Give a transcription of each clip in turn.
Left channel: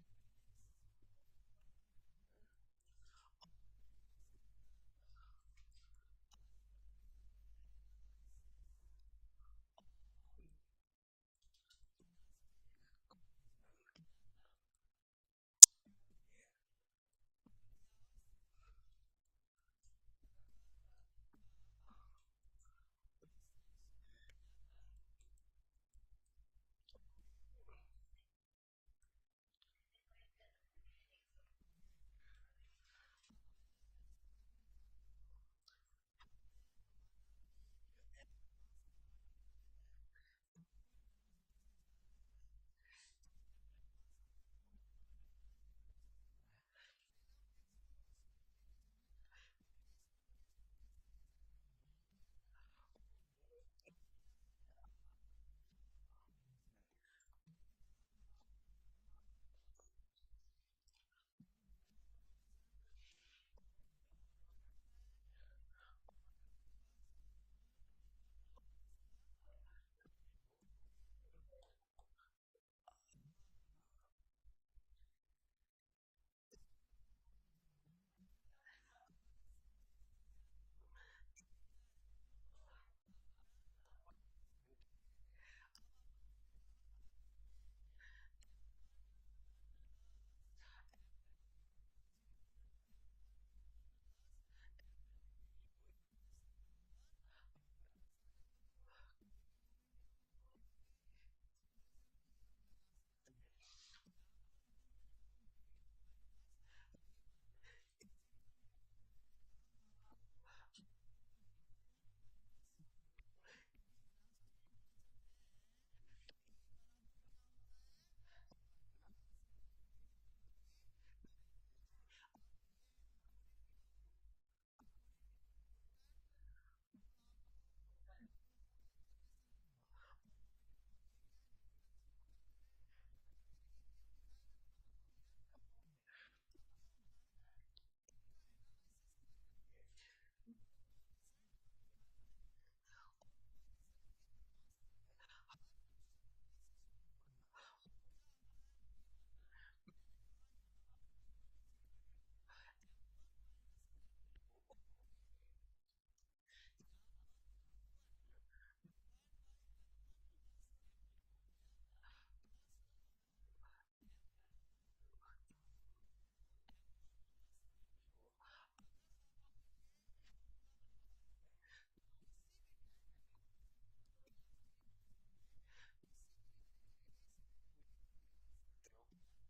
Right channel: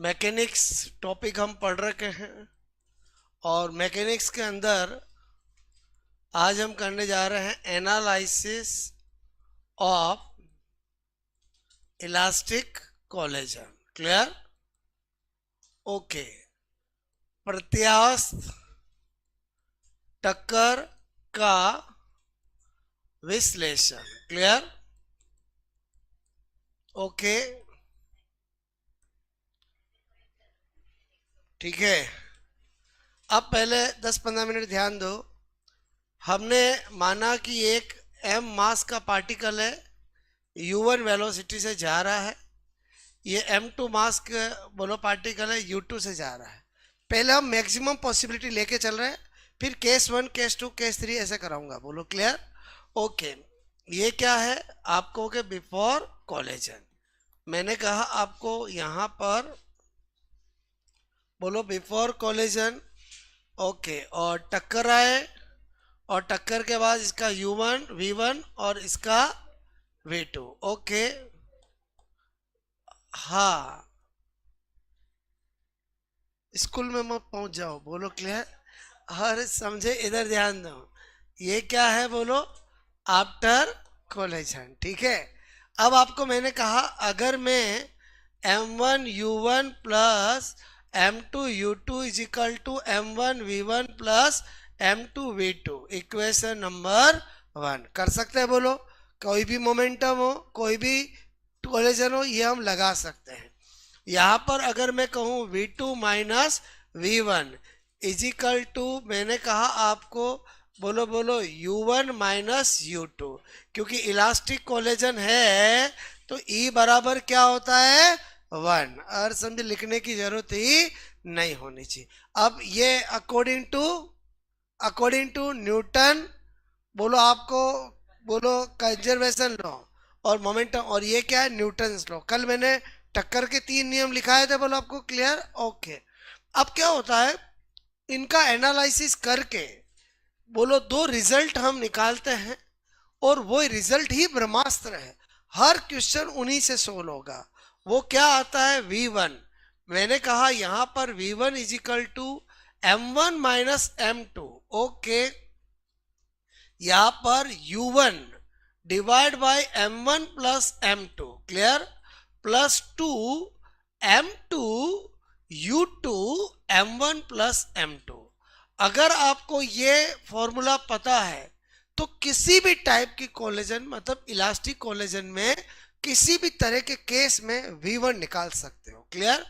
Mechanics topic हम पढ़ रखे हैं और मैकेनिक्स के अंदर आज हम करने जा रहे हैं analysis of elastic collagen. Clear? Okay. प्रत्यास्थ टक्कर का विश्लेषण। क्लियर? ओके, ठीक है। अब पहले 10-15 मिनट ध्यान दो। हमने माना कि एक m मास का पार्टिकल है, u1 वेलोसिटी से जा रहा है, ये m2 मास का बोलो पार्टिकल है, u2 से जा रहा है। पहले हम मैक्सिमम पॉसिबिलिटी लेके चल रहे हैं, फिर केस 1, केस 2, केस 3 ऐसे कराऊंगा। बोलो क्लियर? ओके। ये क्या है? आप कहोगे बिफोर कोलिजन। मैंने कहा आपको यहाँ पर बोलो बिफोर कोलिजन। ओके, और टक्कर आए और टक्कर के बाद इसका u1 v1 और इसका v2। ओके, हाँ, स्कूल में मत पहुंच जाओ। बोलो क्लियर? हर समझे, इधर ध्यान दो। ये क्या है? बोलो आफ्टर कोलिजन। ठीक है। अब आपको मैंने कहा अगर मैं m1 u1 plus m2 u2 is equal to m1 v1 plus m2 v2 equation number 1 कर सकते हैं। बोलो कोई भी मोमेंटम हो, कोई भी कोलिजन हो, ये हम लगा सकते हैं। यहाँ पर अगर मैं कहूँ v2 minus v1 is equal to, मैंने कहा आपको बोलो बोलो u1 माइनस u2, क्योंकि इलास्टिक कोलेजन है तो E बराबर क्या होता है? 1। और समझे, लिखने की जरूरत ही नहीं होनी चाहिए। अब ये अकॉर्डिंग टू न्यूटन बोलो आपको, बोलो कंजर्वेशन लॉ और मोमेंटम, और ये क्या है? Newton law. कल मैंने टक्कर के 3 नियम लिखाए थे। बोलो आपको क्लियर? ओके। अब क्या होता है, इनका एनालिसिस करके बोलो दो रिजल्ट हम निकालते हैं और वो रिजल्ट ही ब्रह्मास्त्र है। हर क्वेश्चन उन्हीं से सोल्व होगा। वो क्या आता है? v1। मैंने कहा यहां पर v1 is equal to m1 minus m2। Okay, यहां पर u1 divide by m1 plus m2। Clear? Plus 2 m2 u2 m1 plus m2। अगर आपको ये फॉर्मूला पता है तो किसी भी टाइप की कोलेजन, मतलब इलास्टिक कोलेजन में किसी भी तरह के केस में v1 निकाल सकते हो। क्लियर?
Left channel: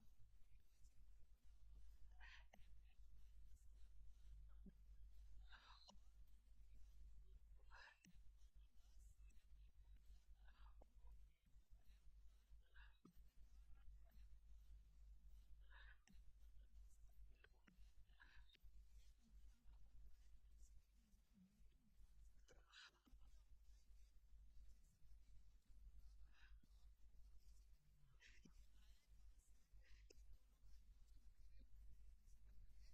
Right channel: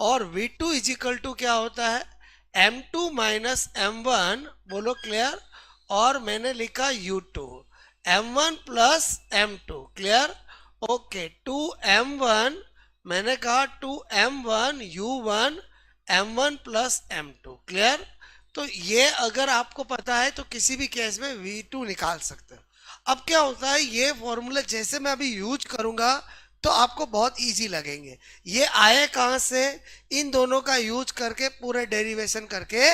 और v2 इज इक्वल टू क्या होता है? m2 minus m1। बोलो क्लियर? और मैंने लिखा u2 m1 plus m2। Clear? Okay, 2m1, मैंने कहा 2m1 u1 m1 plus m2। Clear? तो ये अगर आपको पता है तो किसी भी केस में v2 निकाल सकते हो। अब क्या होता है, ये फॉर्मूला जैसे मैं अभी यूज करूंगा तो आपको बहुत इजी लगेंगे। ये आए कहां से? इन दोनों का यूज करके पूरे डेरिवेशन करके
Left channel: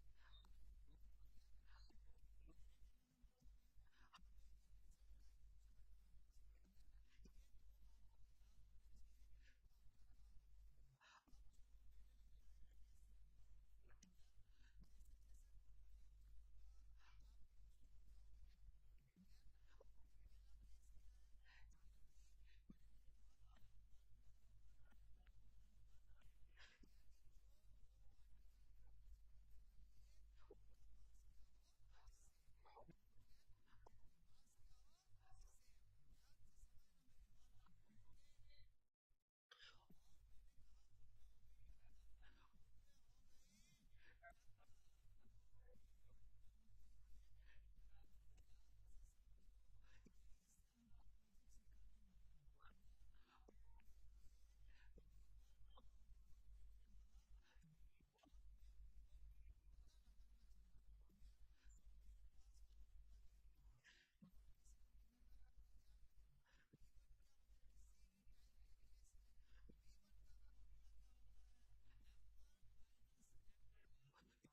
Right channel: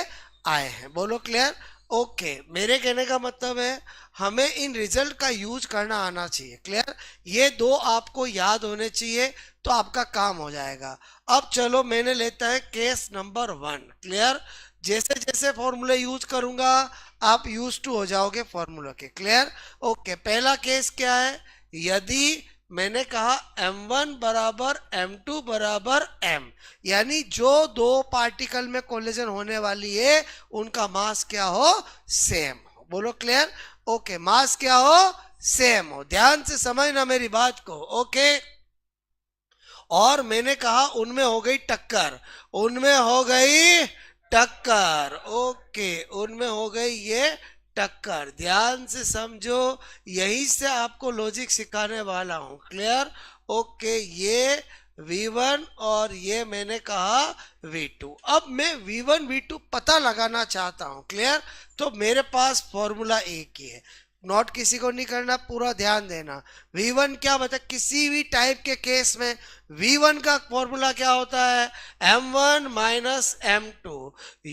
आए हैं। बोलो क्लियर? ओके, मेरे कहने का मतलब है हमें इन रिजल्ट का यूज करना आना चाहिए। क्लियर? ये दो आपको याद होने चाहिए तो आपका काम हो जाएगा। अब चलो मैंने लेता है केस नंबर 1। क्लियर? जैसे जैसे फॉर्मूले यूज करूंगा आप यूज टू हो जाओगे फॉर्मूला के। क्लियर? ओके, पहला केस क्या है? यदि मैंने कहा m1 बराबर m2 बराबर m, यानी जो दो पार्टिकल में कोलिजन होने वाली है उनका मास क्या हो? सेम हो। बोलो क्लियर? ओके, मास क्या हो? सेम हो। ध्यान से समझना मेरी बात को। ओके, और मैंने कहा उनमें हो गई टक्कर, उनमें हो गई टक्कर। ओके, उनमें हो गई ये टक्कर। ध्यान से समझो, यही से आपको लॉजिक सिखाने वाला हूं। क्लियर? ओके, ये v1 और ये मैंने कहा v2। अब मैं v1 v2 पता लगाना चाहता हूं। क्लियर? तो मेरे पास फॉर्मूला एक ही है, नोट किसी को नहीं करना, पूरा ध्यान देना। v1 क्या बता, किसी भी टाइप के केस में v1 का फॉर्मूला क्या होता है? m1 minus m2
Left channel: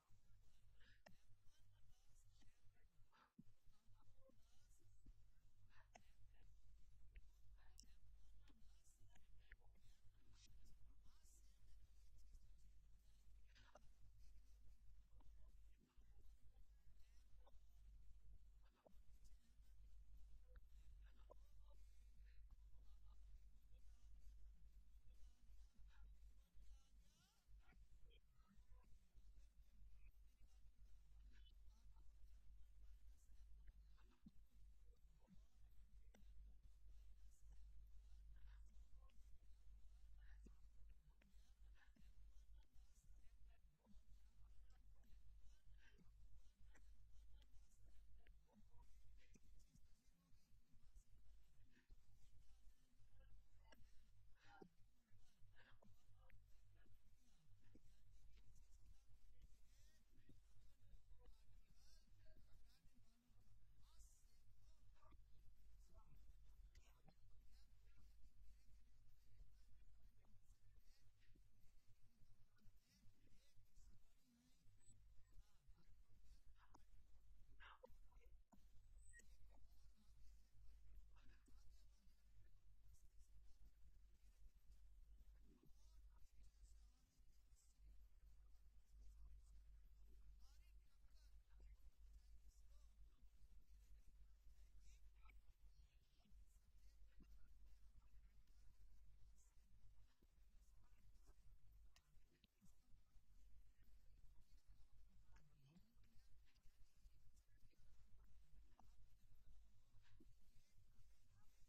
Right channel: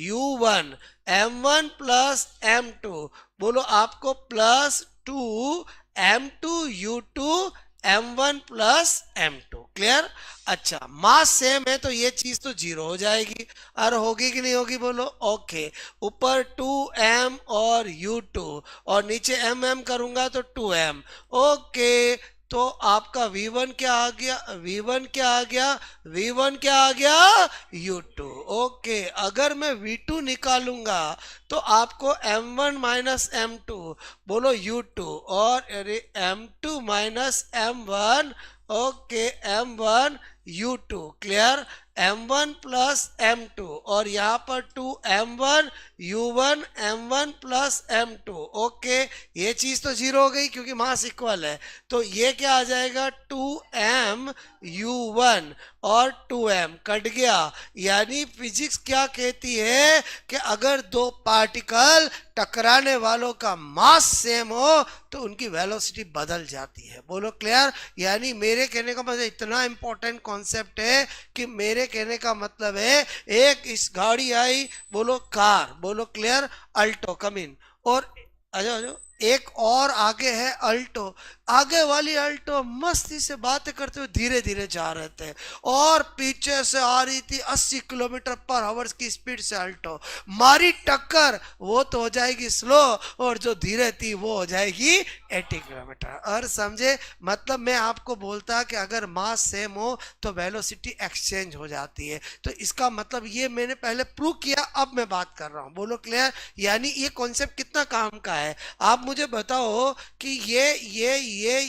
u1 m1 plus m2। बोलो आपको plus 2 m2 u2 m1 plus m2। Clear. अच्छा, मास सेम है तो ये चीज तो जीरो हो जाएगी, और होगी कि नहीं होगी बोलो। ओके, ऊपर 2m और u2 और नीचे m करूंगा तो 2m। ओके, तो आपका v1 क्या आ गया, v1 क्या आ गया, v1 क्या आ गया, u2। ओके, अगर मैं v2 निकालूंगा तो आपको m1 माइनस m2 बोलो u2, और अरे m2 minus m1। Okay, m1 u2। Clear. m1 plus m2 और यहाँ पर 2m1 u1 m1 plus m2। Okay, ये चीज तो जीरो हो गई क्योंकि मास इक्वल है, तो ये क्या आ जाएगा 2m u1 और 2m कट गया। यानी फिजिक्स क्या कहती है कि अगर दो पार्टिकल टकराने वालों का मास सेम हो तो उनकी वेलोसिटी बदल जाती है। बोलो क्लियर। यानी मेरे कहने का मतलब इतना इंपॉर्टेंट कॉन्सेप्ट है कि मेरे कहने का मतलब है, एक इस गाड़ी आई, बोलो कार, बोलो क्लियर, अल्टो कम इन, और आजो एक और आगे है अल्टो। आगे वाली अल्टो मस्ती से बातें करते हुए धीरे धीरे जा रहे थे, और पीछे से आ रही थी 80 किलोमीटर पर आवर की स्पीड से अल्टो। मारी टक्कर, वो तो हो जाएगी स्लो, और जो धीरे थी वो हो जाएगी 80 किलोमीटर। और समझे मतलब, मैं आपको बोलता कि अगर मास सेम हो तो वेलोसिटी एक्सचेंज हो जाती है, तो इसका मतलब ये मैंने पहले प्रूव किया, अब मैं बात कर रहा हूँ। बोलो क्लियर। यानी ये कॉन्सेप्ट कितना काम का है, आप मुझे बताओ कि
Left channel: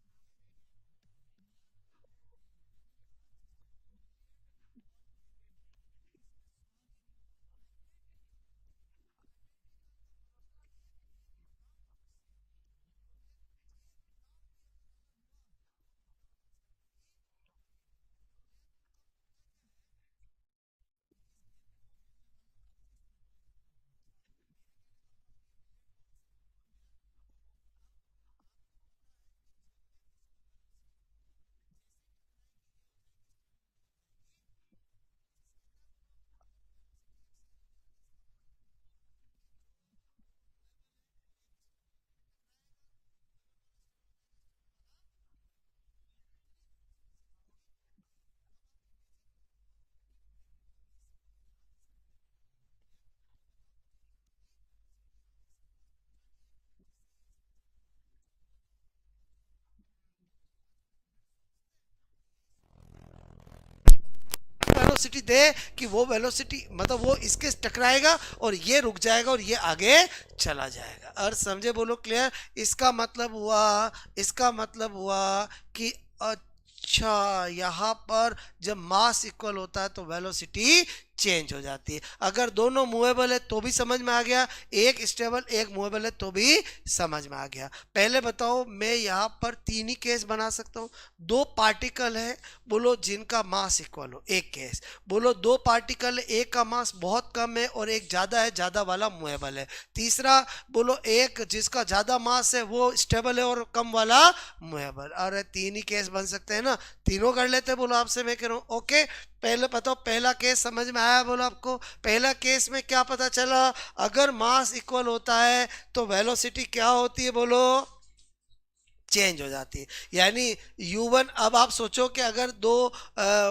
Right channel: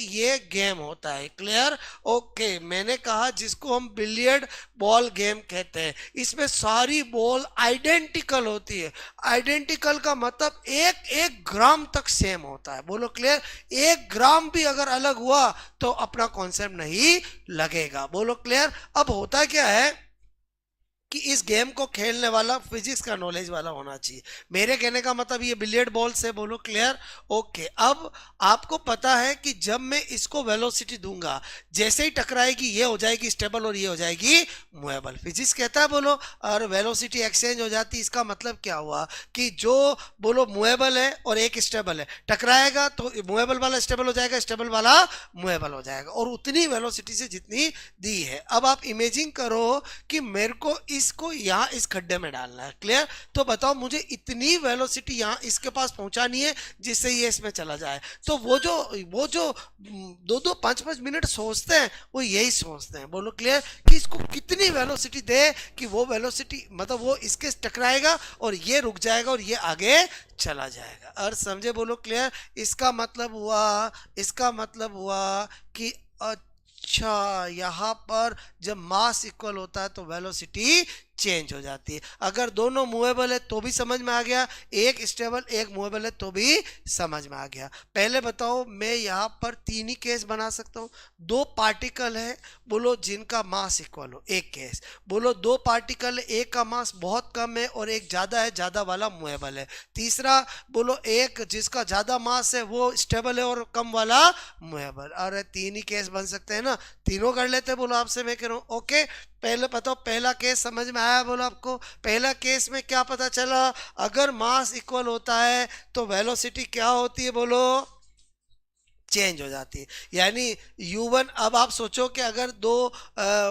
ये गेम होता है। क्लियर। ओके, मैंने कहा जिसको हम बिलियर्ड बॉल गेम कहते हैं, इसमें सारी बॉल आइडेंटिकल होती है। आइडेंटिकल का मतलब एक एक ग्राम तक सेम होता है। बोलो क्लियर। एक ग्राम भी अगर अलग हुआ तो अपना कॉन्सेप्ट नहीं लगेगा। बोलो क्लियर। अब होता क्या है कि इस गेम को खेलने वाला फिजिक्स का नॉलेज वाला होना चाहिए। मेरे कहने का मतलब ये बिलियर्ड बॉल से, बोलो क्लियर। ओके, अब आपको पता है कि जब मैं इसको वेलोसिटी दूंगा, जैसे ही टकराएगी ये हो जाएगी स्टेबल और ये हो जाएगी मूवेबल। फिजिक्स कहता है बोलो, और वेलोसिटी एक्सचेंज हो जाती है। इसका मतलब क्या हुआ कि जो बोलो मूवेबल है और एक स्टेबल है, टकराएगा तो मूवेबल वाला स्टेबल हो जाएगा, स्टेबल वाला मूवेबल हो जाएगा, और उतनी वेलोसिटी से जितनी दी है। अब आप इमेजिन करो कि मेरे को इसको यहाँ इस खड्डे में डालना है। क्लियर। तो बताओ मुझे इतनी वेलोसिटी यहाँ इसके पास पहुंचानी है जिससे ये इसमें चला जाए। तो वो जो 2-2 5-5 मिनट सोचते हैं, वो यही सोचते हैं। बोलो क्लियर, कि इसको कितनी वेलोसिटी दे कि वो वेलोसिटी मतलब वो इसके टकराएगा और ये रुक जाएगा और ये आगे चला जाएगा। और समझे। बोलो क्लियर। इसका मतलब हुआ कि अच्छा, यहाँ पर जब मास इक्वल होता है तो वेलोसिटी चेंज हो जाती है। अगर दोनों मूवेबल है तो भी समझ में आ गया, एक स्टेबल एक मूवेबल है तो भी समझ में आ गया। पहले बताओ, मैं यहाँ पर 3 ही केस बना सकता हूँ। 2 पार्टिकल है, बोलो जिनका मास इक्वल हो, एक केस। बोलो 2 पार्टिकल है, एक का मास बहुत कम है और एक ज्यादा है, ज्यादा वाला मूवेबल है। तीसरा, बोलो एक जिसका ज्यादा मास है वो स्टेबल है और कम वाला मूवेबल। अरे 3 ही केस बन सकते हैं ना, तीनों कर लेते हैं। बोलो आपसे मैं कह रहा हूँ। ओके, पहले बताओ पहला केस समझ में आया। बोलो आपको पहला केस में क्या पता चला, अगर मास इक्वल होता है तो वेलोसिटी क्या होती है, बोलो चेंज हो जाती है। यानी u1, अब आप सोचो कि अगर दो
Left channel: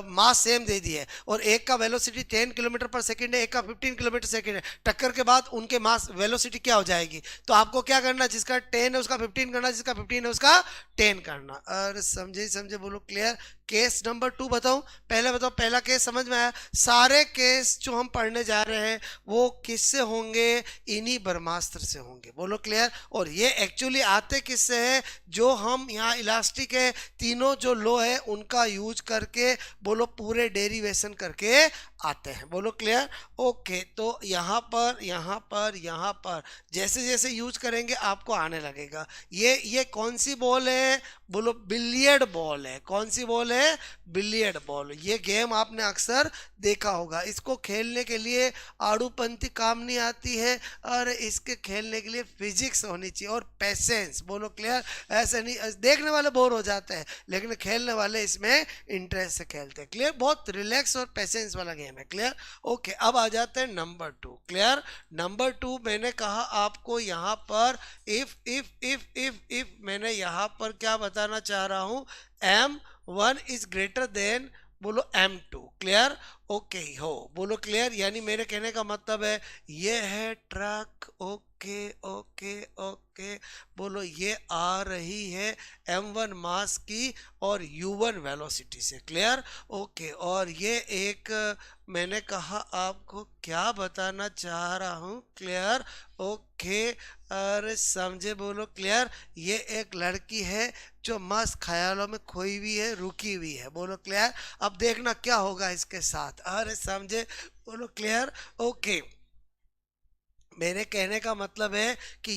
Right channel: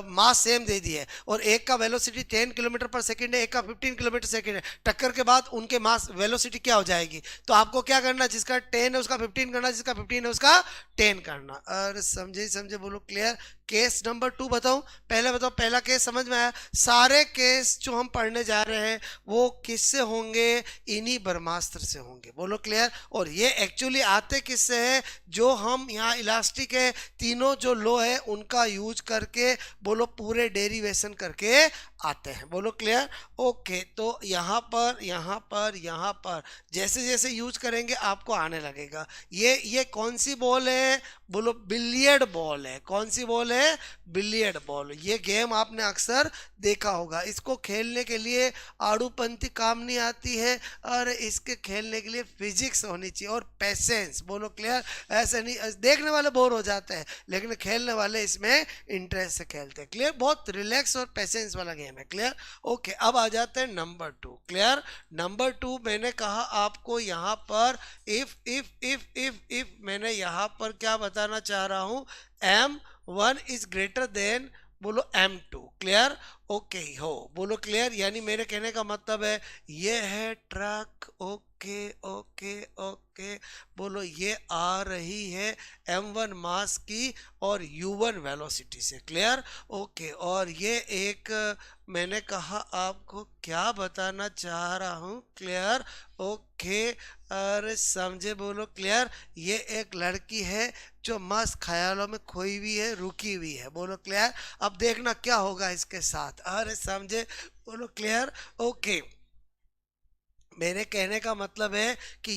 मास सेम दे दिए और एक का वेलोसिटी 10 किलोमीटर पर सेकंड है, एक का 15 किलोमीटर सेकंड है, टक्कर के बाद उनके मास वेलोसिटी क्या हो जाएगी। तो आपको क्या करना, जिसका 10 है उसका 15 करना, जिसका 15 है उसका 10 करना। और समझे। बोलो क्लियर। केस नंबर 2 बताऊं। पहले बताओ, पहला केस समझ में आया। सारे केस जो हम पढ़ने जा रहे हैं वो किससे होंगे, इन्हीं ब्रह्मास्त्र से होंगे। बोलो क्लियर। और ये एक्चुअली आते किससे है, जो हम यहाँ इलास्टिक है, तीनों जो लो है उनका यूज करके, बोलो पूरे डेरिवेशन करके आते हैं। बोलो क्लियर। ओके, तो यहाँ पर जैसे जैसे यूज करेंगे आपको आने लगेगा। ये कौन सी बॉल है, बोलो बिलियर्ड बॉल है। कौन सी बॉल है, बिलियर्ड बॉल। ये गेम आपने अक्सर देखा होगा। इसको खेलने के लिए आड़ूपंथी काम नहीं आती है, और इसके खेलने के लिए फिजिक्स होनी चाहिए और पेशेंस। बोलो क्लियर। ऐसे नहीं, देखने वाले बोर हो जाते हैं लेकिन खेलने वाले इसमें इंटरेस्ट से खेलते हैं। क्लियर। बहुत रिलैक्स और पेशेंस वाला गेम है। क्लियर। ओके, अब आ जाते हैं नंबर 2। क्लियर। नंबर 2 मैंने कहा आपको यहाँ पर इफ मैंने यहाँ यहाँ पर क्या बताना चाह रहा हूँ, M1 इज ग्रेटर देन बोलो M2। क्लियर? ओके हो, बोलो क्लियर। यानी मेरे कहने का मतलब है ये है ट्रक, ओके ओके ओके, बोलो ये आ रही है M1 मास की और U1 वेलोसिटी से। क्लियर? ओके। और ये एक मैंने कहा आपको क्या बताना चाह रहा हूँ। क्लियर? ओके। अरे समझे? बोलो क्लियर। ये एक लड़की है जो मस्त ख्यालों में खोई हुई है, रुकी हुई है। बोलो क्लियर। अब देखना क्या होगा इसके साथ। अरे समझे? बोलो क्लियर। ओके। मेरे कहने का मतलब है कि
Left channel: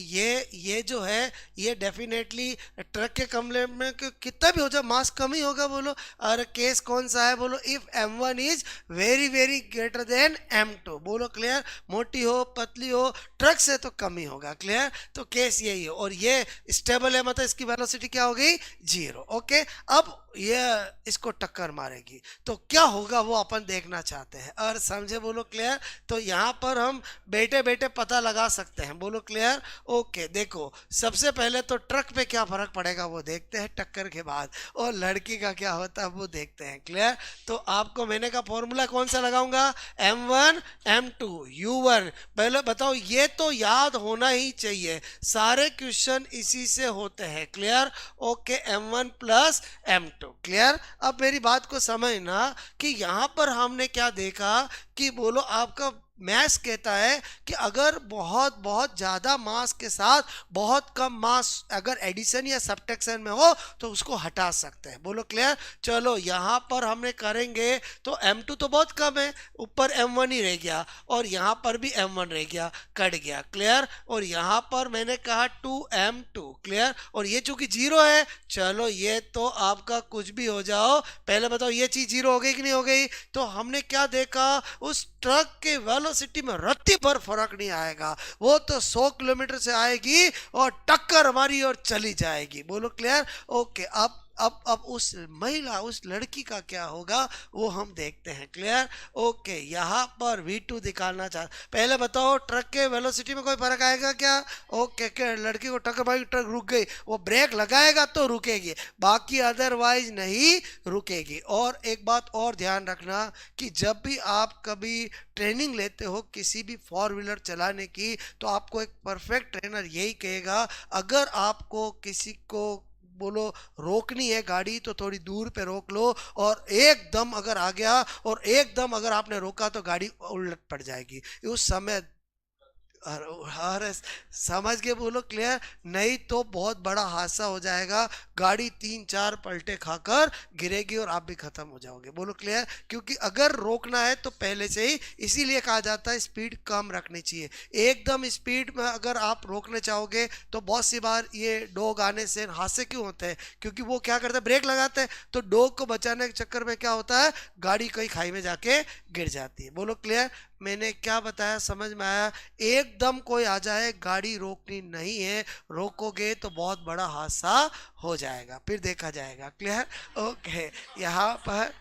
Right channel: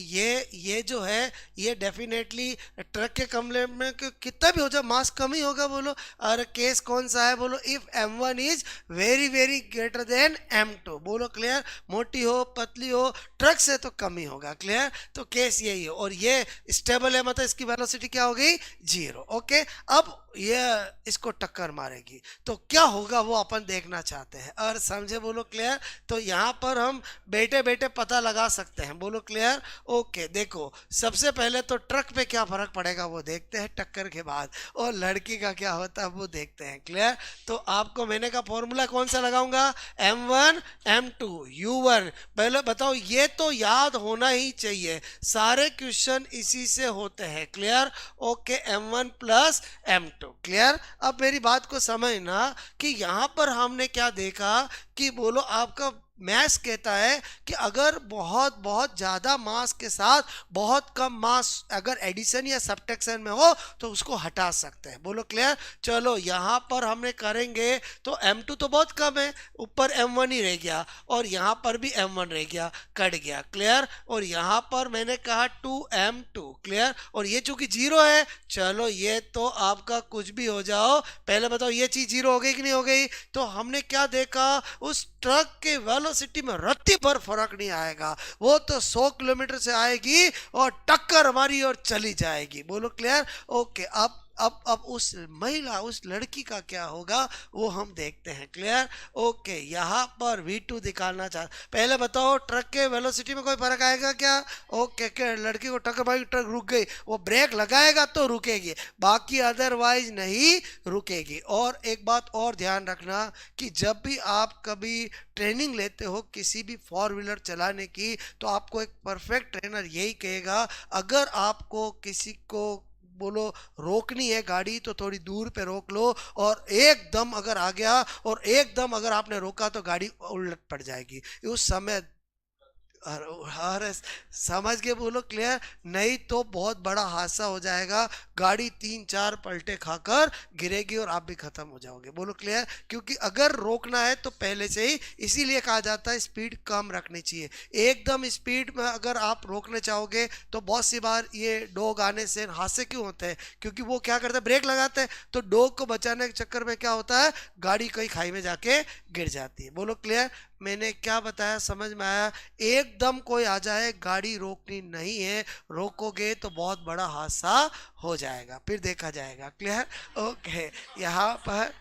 ये जो है ये डेफिनेटली ट्रक के कमरे में कितना भी हो जाए मास कम ही होगा। बोलो। और केस कौन सा है? बोलो if M1 is very very greater than M2। बोलो क्लियर। मोटी हो पतली हो ट्रक से तो कम ही होगा। क्लियर? तो केस यही है। और ये स्टेबल है, मतलब इसकी वेलोसिटी क्या हो गई? 0। ओके। अब ये इसको टक्कर मारेगी तो क्या होगा वो अपन देखना चाहते हैं। और समझे? बोलो क्लियर। तो यहाँ पर हम बैठे बैठे पता लगा सकते हैं। बोलो क्लियर। ओके। देखो सबसे पहले तो ट्रक पे क्या फर्क पड़ेगा वो देखते हैं टक्कर के बाद, और लड़की का क्या होता है वो देखते हैं। क्लियर? तो आपको मैंने का फॉर्मूला कौन सा लगाऊंगा? M1 M2 U1। पहले बताओ, ये तो याद होना ही चाहिए, सारे क्वेश्चन इसी से होते हैं। Clear? Okay. M1 plus M2। Clear? अब मेरी बात को समझना कि यहां पर हमने क्या देखा कि बोलो आपका मैथ्स कहता है कि अगर बहुत बहुत ज़्यादा मास के साथ बहुत कम मास अगर एडिशन या सब्ट्रैक्शन में हो तो उसको हटा सकते हैं। बोलो क्लियर। चलो यहाँ पर हमने करेंगे तो M2 तो बहुत कम है, ऊपर M1 ही रह गया, और यहाँ पर भी M1 रह गया, कट गया। क्लियर? और यहाँ पर मैंने कहा 2M2। क्लियर? और ये चूंकि 0 है, चलो ये तो आपका कुछ भी हो जाओ, पहले बताओ ये चीज़ 0 हो गई कि नहीं हो गई? तो हमने क्या देखा, उस ट्रक के वेलोसिटी में रत्ती भर फर्क नहीं आएगा, वो तो 100 किलोमीटर से आएगी और टक्कर हमारी और चली जाएगी। बोलो क्लियर। ओके। अब उस महिला उस लड़की का क्या होगा वो हम देखते हैं। क्लियर? ओके। यहाँ पर V2 दिखाना चाह, पहले बताओ ट्रक के वेलोसिटी में कोई फर्क आएगा क्या? ओके। क्या लड़की को टक्कर मारी, ट्रक रुक गई, वो ब्रेक लगाएगा तो रुकेगी, बाकी अदरवाइज नहीं रुकेगी। और एक बात और ध्यान रखना कि जब भी आप कभी ट्रेनिंग लेते हो किसी भी 4 व्हीलर चलाने की, तो आपको एक परफेक्ट ट्रेनर यही कहेगा, अगर आपको किसी को बोलो रोकनी है गाड़ी तो थोड़ी दूर पे रोक लो, और एकदम अगर आ गया और एकदम अगर आपने रोका तो गाड़ी उलट पड़ जाएगी उस समय। अरे समझ के बोलो क्लियर, नहीं तो बहुत बड़ा हादसा हो जाएगा, गाड़ी 3-4 पलटे खाकर गिरेगी और आप भी खत्म हो जाओगे। बोलो क्लियर। क्योंकि अगर रोकना है तो पहले से ही, इसीलिए कहा जाता है स्पीड कम रखनी चाहिए। एकदम स्पीड में अगर आप रोकने चाहोगे तो बहुत सी बार ये डॉग आने से हादसे क्यों होते हैं, क्योंकि वो क्या करते हैं, ब्रेक लगाते हैं, तो डॉग को बचाने के चक्कर में क्या होता है, गाड़ी कहीं खाई में जाके गिर जाती है। बोलो क्लियर। मैंने क्या बताया समझ में आया? एकदम कोई आ जाए गाड़ी रोकनी नहीं है, रोकोगे तो बहुत बड़ा हादसा हो जाएगा, फिर देखा जाएगा। क्लियर? ओके। यहाँ पर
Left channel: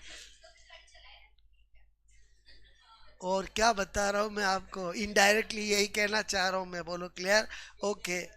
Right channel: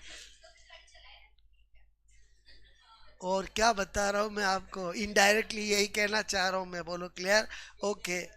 और क्या बता रहा हूँ मैं आपको, इनडायरेक्टली यही कहना चाह रहा हूँ मैं। बोलो क्लियर। ओके।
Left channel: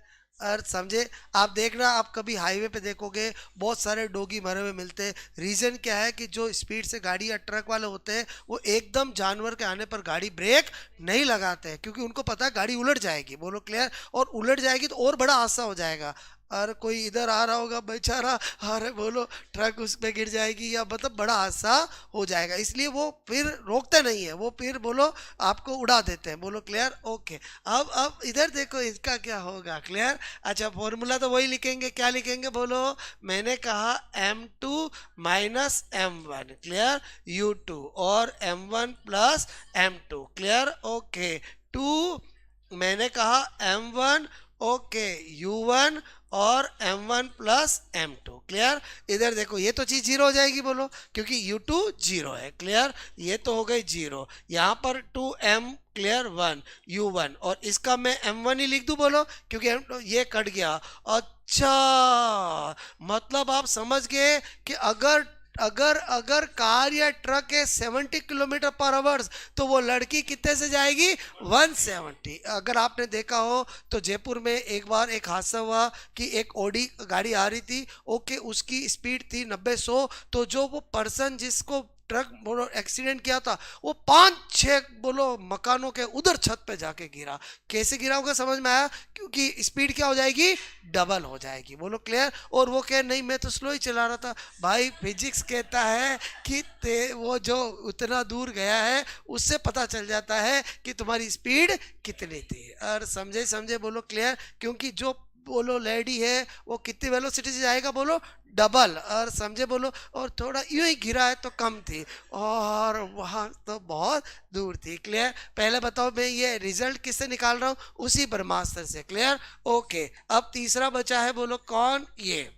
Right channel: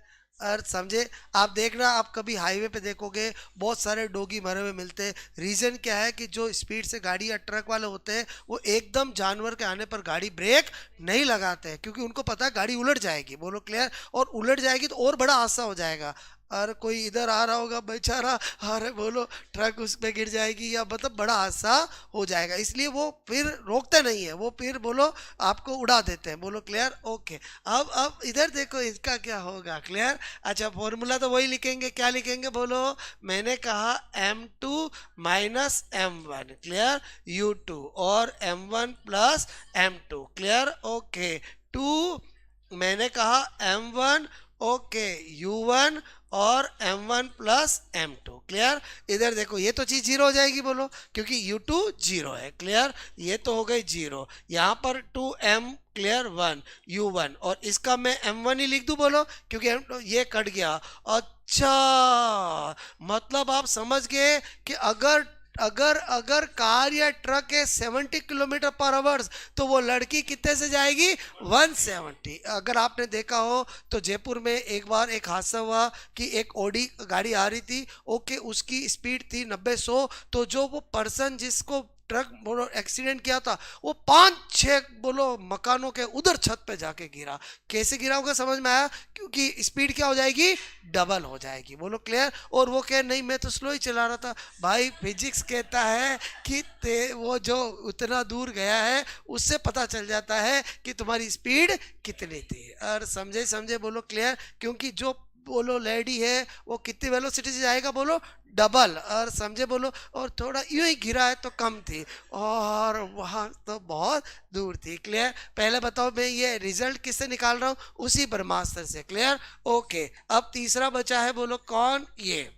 और समझे? आप देखना, आप कभी हाईवे पे देखोगे बहुत सारे डोगी मरे हुए मिलते हैं। रीज़न क्या है कि जो स्पीड से गाड़ी या ट्रक वाले होते हैं वो एकदम जानवर के आने पर गाड़ी ब्रेक नहीं लगाते हैं, क्योंकि उनको पता है गाड़ी उलट जाएगी। बोलो क्लियर। और उलट जाएगी तो और बड़ा हादसा हो जाएगा। अरे कोई इधर आ रहा होगा बेचारा, अरे बोलो ट्रक उस पे गिर जाएगी या मतलब बड़ा हादसा हो जाएगा, इसलिए वो फिर रोकते नहीं है, वो फिर बोलो आपको उड़ा देते हैं। बोलो क्लियर। ओके। अब इधर देखो इसका क्या होगा। क्लियर। अच्छा, फॉर्मूला तो वही लिखेंगे, क्या लिखेंगे बोलो? मैंने कहा M2 minus M1। Clear? U2 और M1 plus M2। Clear? Okay. 2 मैंने कहा M1, ओके, U1 और M1 प्लस M2। क्लियर? इधर देखो ये तो चीज 0 हो जाएगी। बोलो, क्योंकि U2 0 है। क्लियर? ये तो हो गई 0, यहाँ पर 2M क्लियर 1 U1, और इसका मैं M1 ही लिख दूं। बोलो, क्योंकि ये कट गया। अच्छा, मतलब आप समझ गए कि अगर अगर अगर कार या ट्रक है 70 किलोमीटर पर आवर्स, तो वो लड़की कितने से जाएगी? 170। अगर आपने देखा हो तो जयपुर में एक बार एक हादसा हुआ कि एक ऑडी गाड़ी आ रही थी, ओके, उसकी स्पीड थी 90-100, तो जो वो पर्सन जिसको ट्रक बोलो एक्सीडेंट किया था, वो 5-6 बोलो मकानों के उधर छत पे जाके गिरा। कैसे गिरा होगा समझ में आया? क्योंकि स्पीड क्या हो जाएगी? डबल हो जाएगी। बोलो क्लियर? और वो कहे नहीं मैं तो स्लो ही चला रहा था। भाई फिजिक्स कहता है कि वो जो उतना दूर गया है उससे पता चल जाता है कि तुम्हारी स्पीड कितनी थी। और समझे समझे? बोलो क्लियर? क्योंकि जो बोलो लेडी है वो कितनी वेलोसिटी से जाएगा? बोलो डबल। और समझे? बोलो। और थोड़ा यूं ही गिरा है तो कम थी, और वहां तो बहुत दूर थी। क्लियर? पहले बताओ, मैं ये रिजल्ट किससे निकाल रहा हूँ? उसी ब्रह्मास्त्र से। क्लियर? ओके। अब तीसरा बचा है, बोलो कौन? ये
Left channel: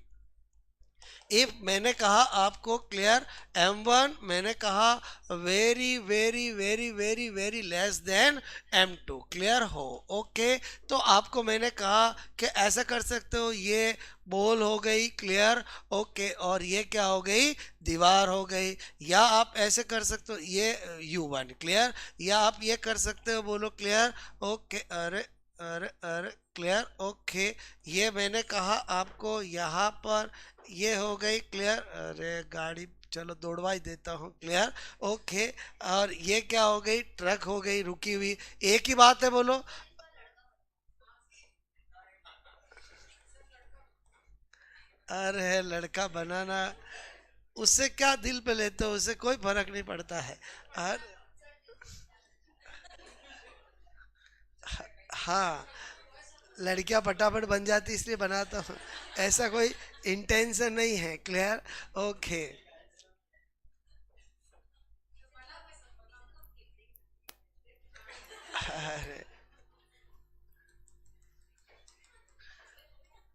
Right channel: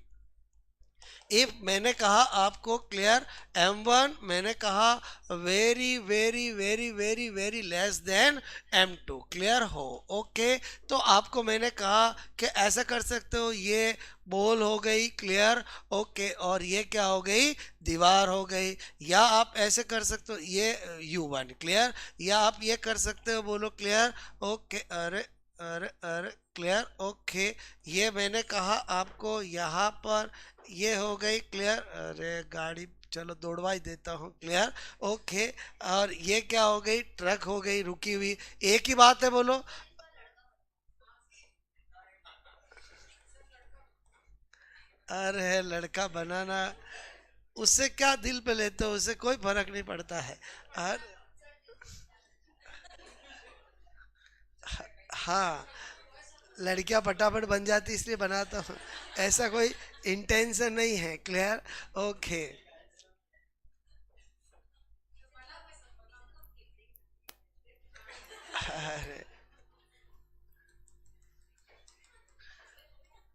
इफ मैंने कहा आपको, क्लियर, m1 मैंने कहा very very very very very less than m2, clear हो? ओके। तो आपको मैंने कहा कि ऐसा कर सकते हो, ये बॉल हो गई, क्लियर, ओके, और ये क्या हो गई? दीवार हो गई। या आप ऐसे कर सकते हो, ये u1, क्लियर, या आप ये कर सकते हो, बोलो क्लियर, ओके, अरे अरे अरे, क्लियर, ओके, ये मैंने कहा आपको यहाँ पर, ये हो गई, क्लियर, अरे गाड़ी चलो दौड़वा ही देता हूँ, क्लियर, ओके। और ये क्या हो गई? ट्रक हो गई रुकी हुई। एक ही बात है, बोलो। अरे लड़का बनाना, उससे क्या दिल पे लेते हो? उससे कोई फर्क नहीं पड़ता है। और हाँ, लड़कियां फटाफट बन जाती इसलिए बनाता हूँ, ऐसा कोई इंटेंशन नहीं है। क्लियर? ओके। अरे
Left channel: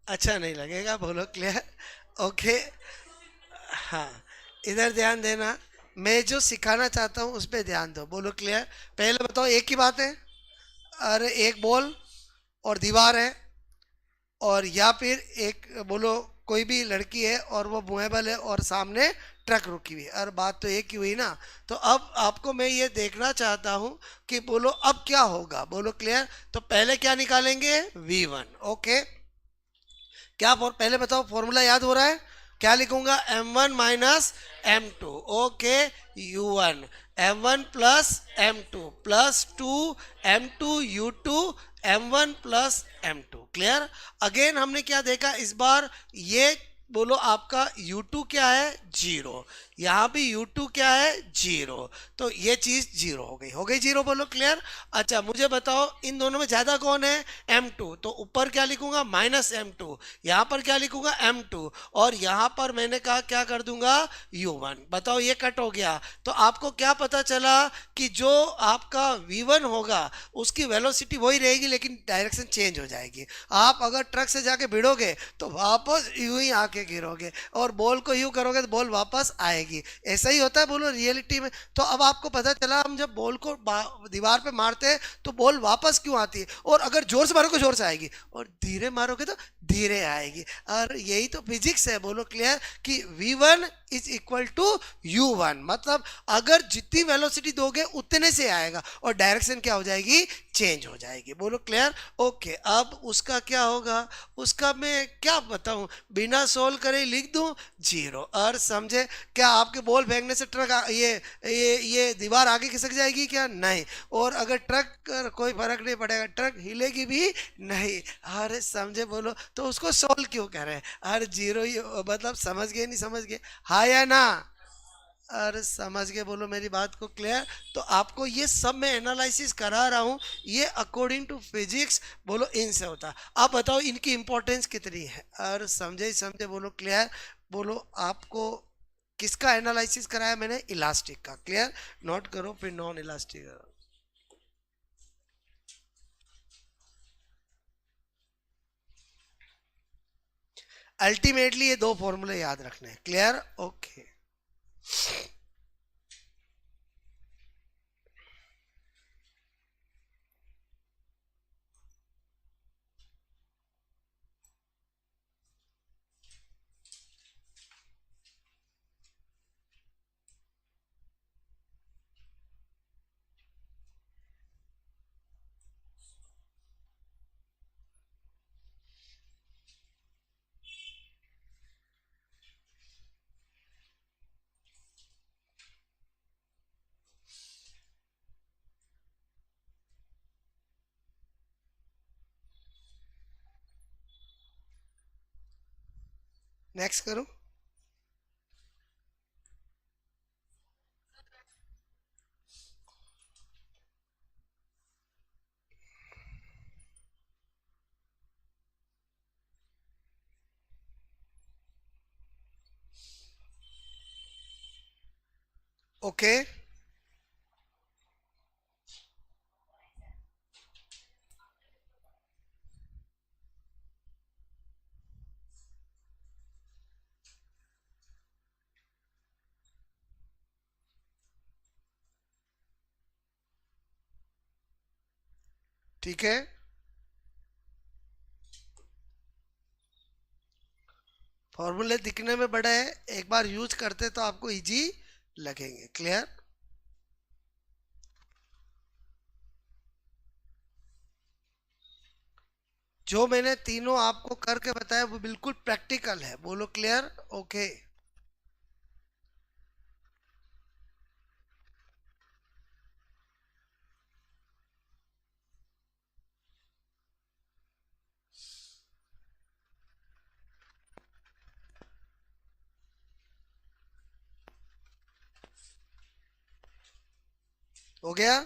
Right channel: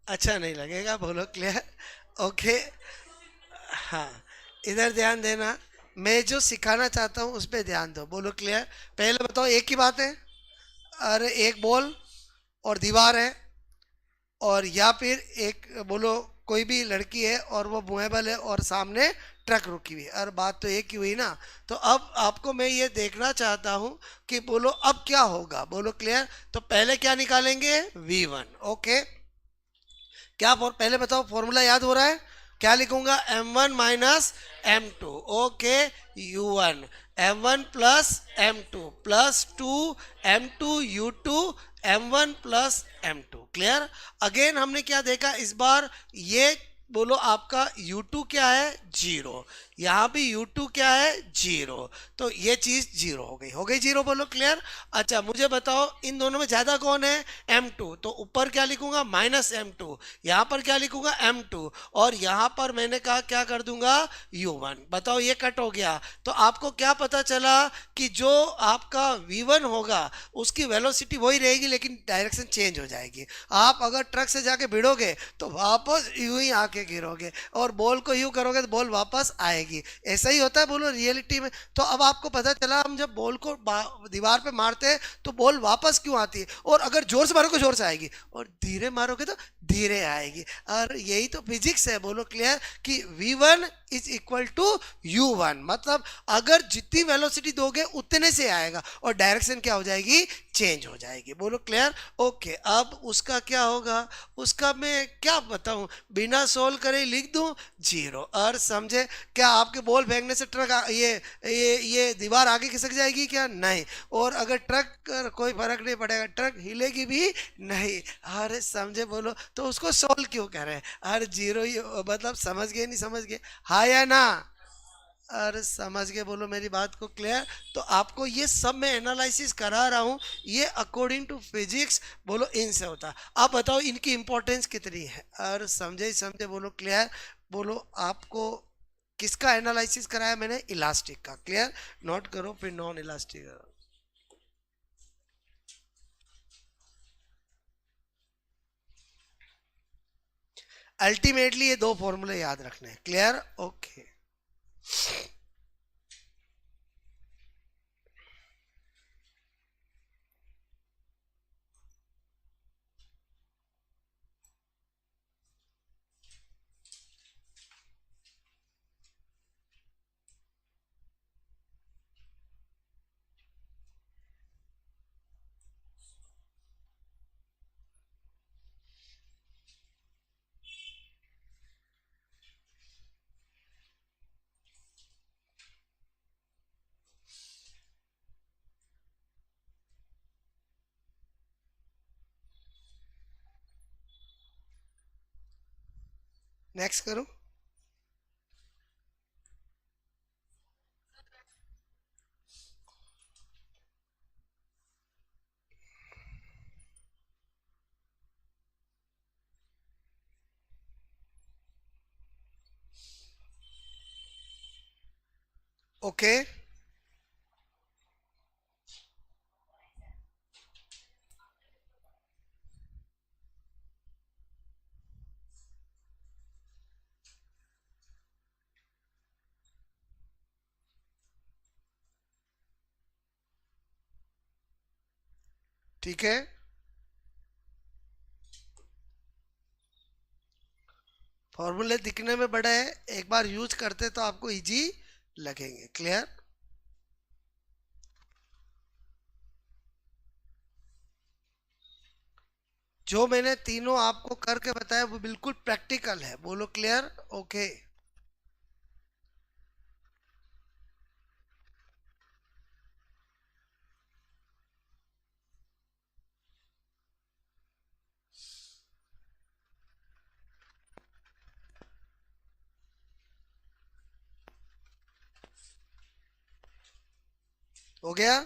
अच्छा नहीं लगेगा, बोलो क्लियर, ओके। हाँ, इधर ध्यान देना। मैं जो सिखाना चाहता हूँ उस पर ध्यान दो, बोलो क्लियर। पहले बताओ, एक ही बात है? अरे एक बॉल और दीवार है, और या फिर एक बोलो कोई भी लड़की है और वो मूवेबल है और सामने ट्रक रुकी हुई है, और बात तो एक ही हुई ना। तो अब आपको मैं ये देखना चाहता हूँ कि बोलो अब क्या होगा, बोलो क्लियर। तो पहले क्या निकालेंगे? V1, okay. क्या पहले बताओ, फॉर्मूला याद हो रहा है? क्या लिखूंगा? m1 - m2, okay. u1 m1 + m2 +2 m2 u2 m1 + m2, clear? Again हमने क्या देखा इस बार? ये बोलो आपका u2 क्या है? 0। यहाँ भी u2 क्या है? 0। तो ये चीज 0 हो गई, हो गई 0, बोलो क्लियर। अच्छा मुझे बताओ, इन दोनों में ज्यादा कौन है? m2। तो ऊपर क्या लिखूंगा? -m2। यहाँ पर क्या लिखूंगा? m2। और यहाँ पर मैंने कहा क्या कर दूंगा? u1। बताओ, ये कट हो गया। तो आपको क्या पता चला? कि जो आपका v1 होगा उसकी वेलोसिटी वही रहेगी, लेकिन डायरेक्शन चेंज हो जाएगी। आप अगर ट्रक से जाके भिड़ोगे तो वापस यूं ही आके गिरोगे, और बॉल को यूं करोगे तो बॉल वापस आएगी। ऐसा ही होता है, बोलो रियलिटी में। तो अब आपको पता चला, हम जब बॉल को दीवार पे मारते हैं तो बॉल वापस क्यों आती है, और अगर जोर से मारोगे जोर से आएगी, और धीरे मारोगे तो धीरे आएगी। और यही तो फिजिक्स है, बोलो क्लियर, कि v1 = u1। मतलब अगर जितनी वेलोसिटी दोगे उतने से आएगा, और डायरेक्शन क्या हो जाएगी? चेंज हो जाएगी, बोलो क्लियर, ओके। अब उसका क्या होगा? उसका मैं क्या बताऊं, बिना सोल्व करे लिख दूं? 0। और समझे? क्या आपके बॉल फेंकने से ट्रक ये दीवार आगे खिसक जाएगी क्या? नहीं। और अगर ट्रक कोई फर्क नहीं पड़ेगा, ट्रक हिलेगी भी नहीं। अरे समझे? बोलो। तो उसको सोल्व क्यों कर रहे हैं? अरे 0 ही मतलब, समझ गए नहीं समझ गए? हाँ या ना? अरे समझ गए, बोलो मेरी बात को, क्लियर? तो आपको ये सब मैं एनालिसिस करा रहा हूँ, ये अकॉर्डिंग टू फिजिक्स, बोलो इनसे होता है। आप बताओ इनकी इंपॉर्टेंस कितनी है? और समझे ही समझे, बोलो क्लियर। बोलो आपको किसका एनालिसिस कराया मैंने? इलास्टिक का, क्लियर। नोट करो, फिर नॉन इलास्टिक। अल्टीमेटली ये दो फॉर्मूले याद रखने हैं, क्लियर, ओके। नेक्स्ट करो। ओके, ठीक है। फॉर्मूले दिखने में बड़े हैं, एक बार यूज करते तो आपको इजी लगेंगे। क्लियर? जो मैंने तीनों आपको करके बताया वो बिल्कुल प्रैक्टिकल है। बोलो क्लियर? ओके। हो गया?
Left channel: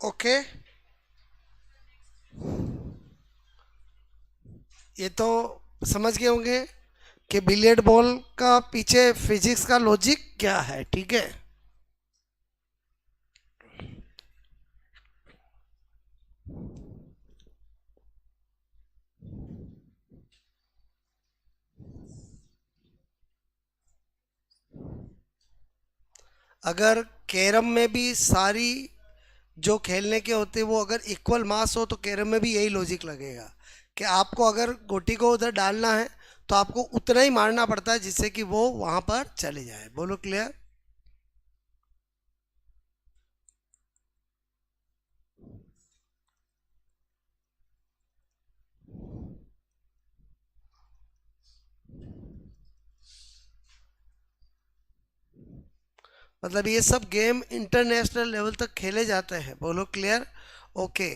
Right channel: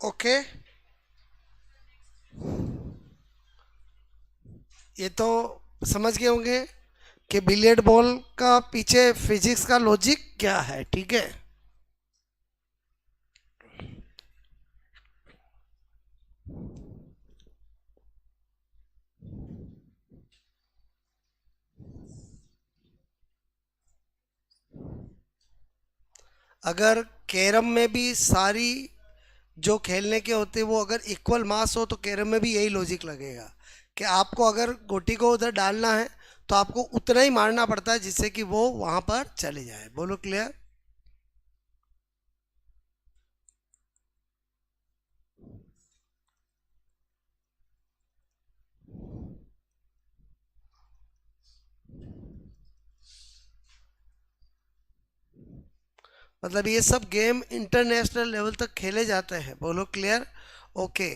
ओके, ये तो समझ गए होंगे कि बिलियर्ड बॉल का पीछे फिजिक्स का लॉजिक क्या है, ठीक है। अगर कैरम में भी सारी जो खेलने के होते हैं वो अगर इक्वल मास हो तो कैरम में भी यही लॉजिक लगेगा कि आपको अगर गोटी को उधर डालना है तो आपको उतना ही मारना पड़ता है जिससे कि वो वहां पर चले जाए। बोलो क्लियर। मतलब ये सब गेम इंटरनेशनल लेवल तक खेले जाते हैं। बोलो क्लियर। ओके।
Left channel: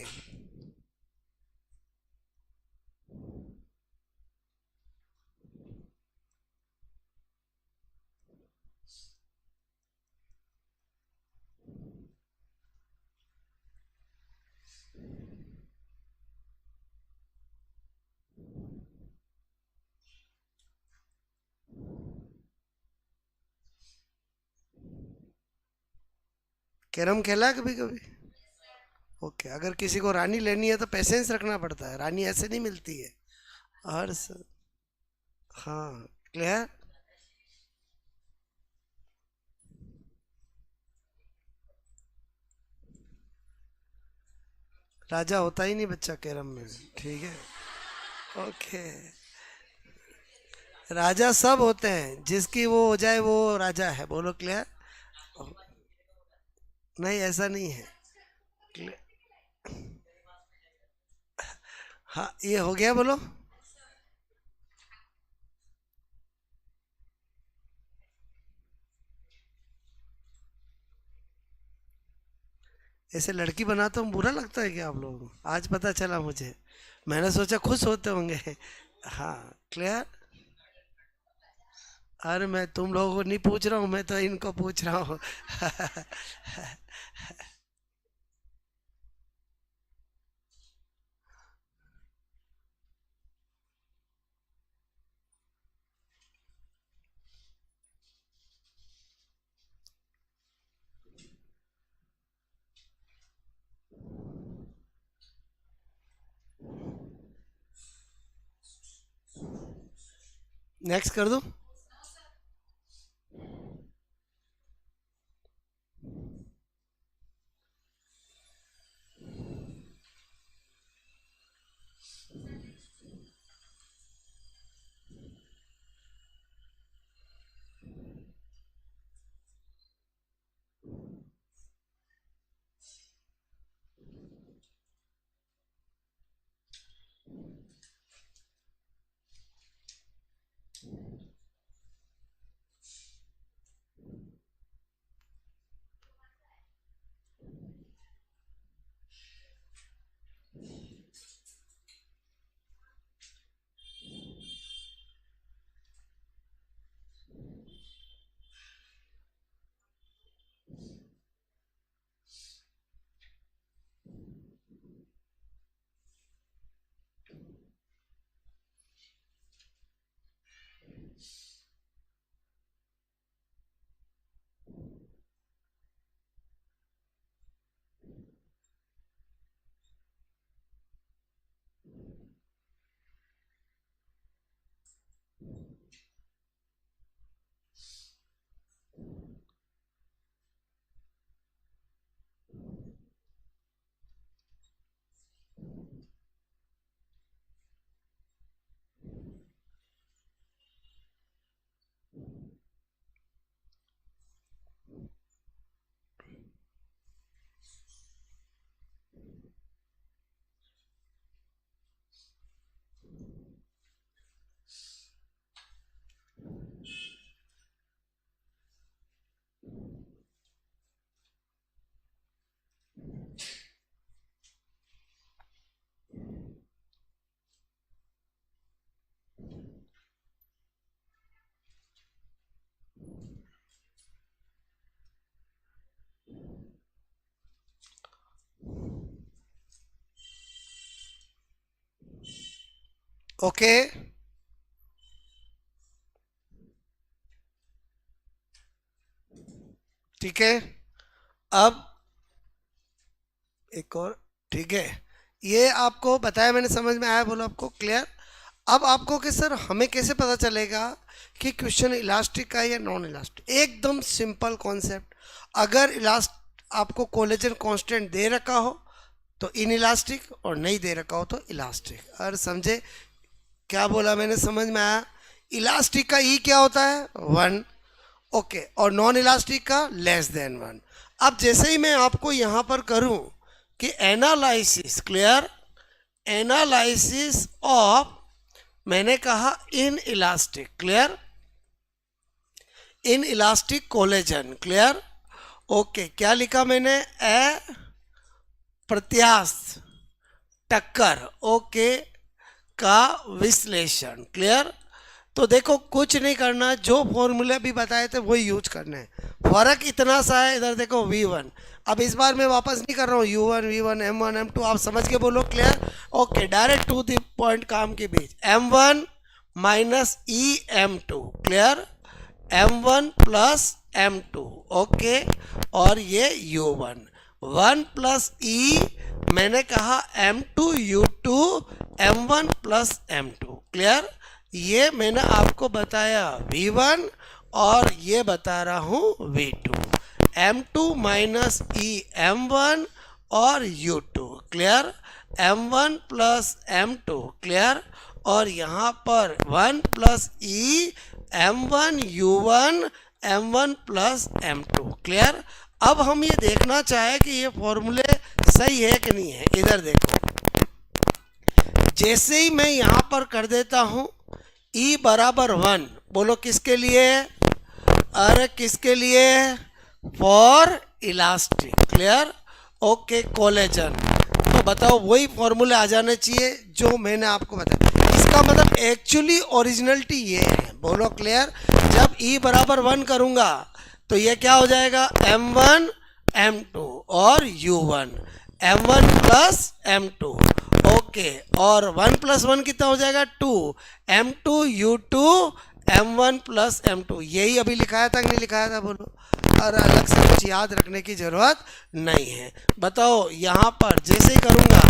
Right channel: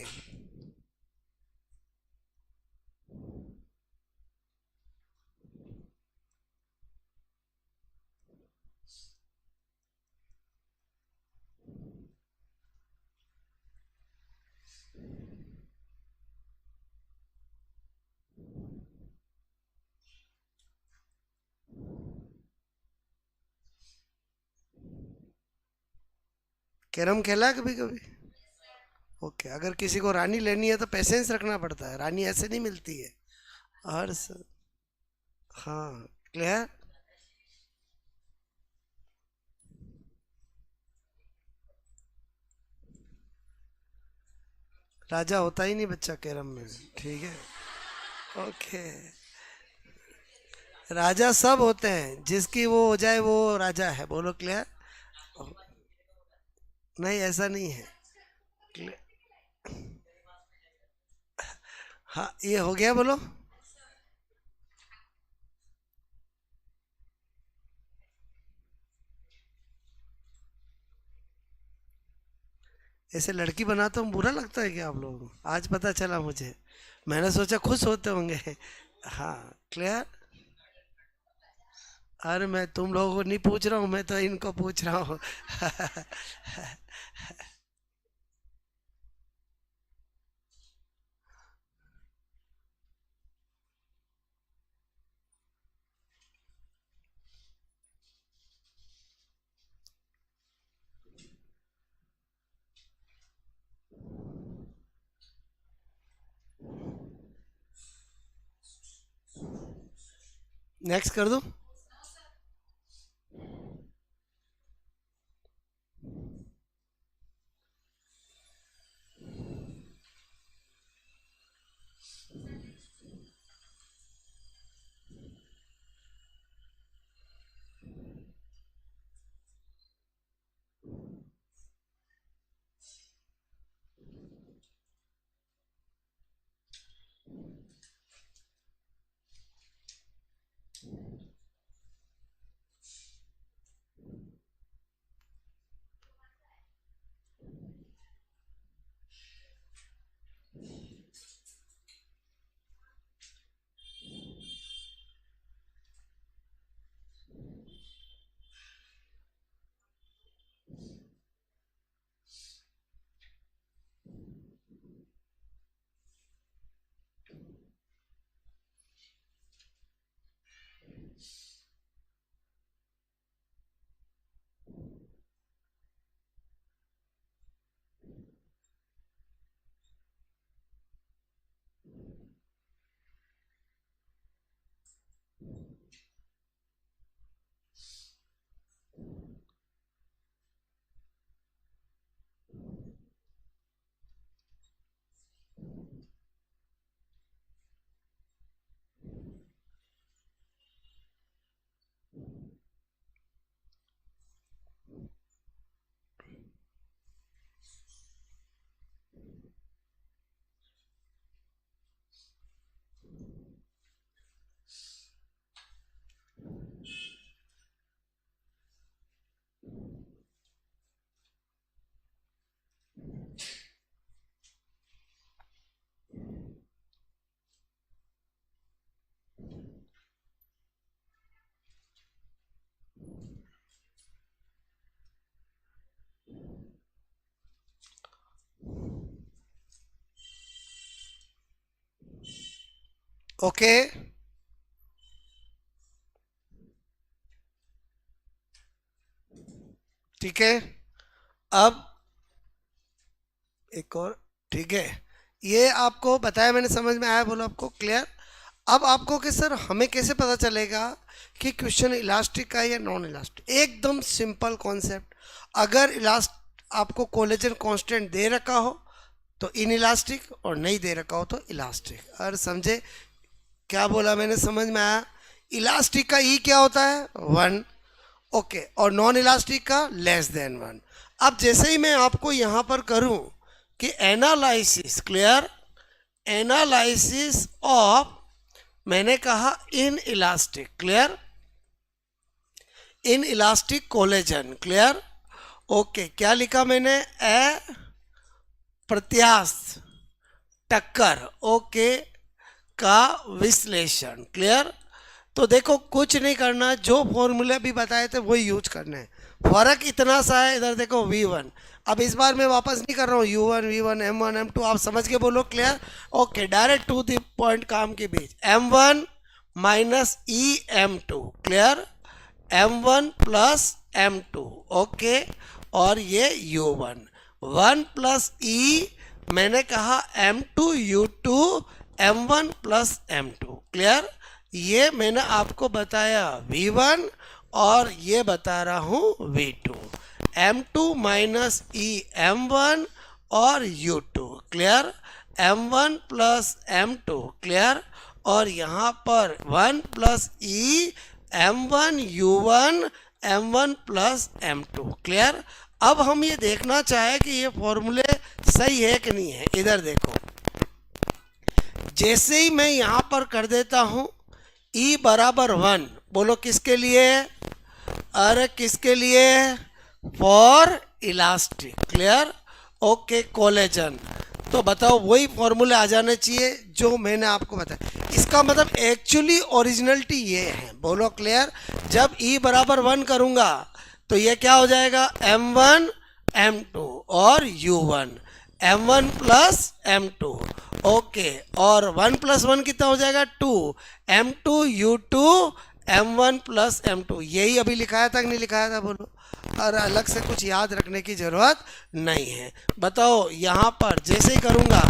कैरम खेला है कभी कभी? ओके, अगर किसी को रानी लेनी है तो पेशेंस रखना पड़ता है, रानी ऐसे नहीं मिलती है। हर स... हाँ, क्लियर। राजा होता ही नहीं बच्चा कैरम में, ठीक है। ओके। राजा सब होते हैं, जिसकी वो हो जाए वो राजा है। बोलो क्लियर। नहीं, ऐसा नहीं है। Clear? हाँ, ये हो गया। बोलो। ऐसे लड़की बनाता हूँ बुरा लगता है क्या आप लोगों को? आज पता चला मुझे। मैंने सोचा खुश होते होंगे। हाँ, क्लियर। अरे मैं तुम लोगों को नहीं पूछ रहा हूँ, मैं तो इनको पूछ रहा हूँ। नेक्स्ट कर दो। ओके, ठीक है। अब एक और, ठीक है, ये आपको बताया मैंने, समझ में आया, बोलो आपको क्लियर। अब आपको कि सर हमें कैसे पता चलेगा कि क्वेश्चन इलास्टिक का है या नॉन इलास्टिक? एकदम सिंपल कॉन्सेप्ट। अगर इलास्ट आपको कोलेजन कांस्टेंट दे रखा हो तो इन इलास्टिक, और नहीं दे रखा हो तो इलास्टिक। और समझे क्या बोला मैंने, समझ में आया? इलास्टिक का ई क्या होता है? 1। ओके, और नॉन इलास्टिक का <<1। अब जैसे ही मैं आपको यहां पर करूं कि एनालिसिस, क्लियर, एनालिसिस ऑफ, मैंने कहा in elastic, clear, in elastic collagen, clear. Okay, क्या लिखा मैंने? ए प्रत्यास्थ टक्कर, ओके, का विश्लेषण, क्लियर। तो देखो कुछ नहीं करना, जो फॉर्मूले भी बताए थे वही यूज करने हैं। फर्क इतना सा है, इधर देखो V1। अब इस बार मैं वापस नहीं कर रहा हूँ U1 V1 M1 M2, आप समझ के बोलो, clear. Okay, direct to the point काम के बीच, M1 माइनस ई M2, clear, M1 plus M2, okay, और ये U1 1 प्लस ई, मैंने कहा M2 U2 M1 plus M2, clear. ये मैंने आपको बताया V1 और ये बता रहा हूं V2, M2 माइनस ई M1 और U2, clear, M1 plus M2, clear, और यहाँ पर 1 प्लस ई M1 U1 M1 plus M2, clear. अब हम ये देखना चाहे कि ये फॉर्मूले सही है कि नहीं है। इधर देखो, जैसे ही मैं यहां पर कर देता हूं E बराबर 1, बोलो किसके लिए? अरे किसके लिए? For elastic, clear, okay, collagen. तो बताओ वही फॉर्मूले आ जाने चाहिए जो मैंने आपको बताया। इसका मतलब एक्चुअली ओरिजिनलिटी ये है, बोलो क्लियर। जब E बराबर 1 करूंगा तो ये क्या हो जाएगा? M1 M2 और U1 M1 plus M2, okay, और 1 प्लस 1 कितना हो जाएगा? 2 M2 U2 M1 plus M2। यही अभी लिखाया था कि नहीं लिखाया था, बोलो। और अलग से कुछ याद रखने की जरूरत नहीं है। बताओ यहाँ पर जैसे ही करूँगा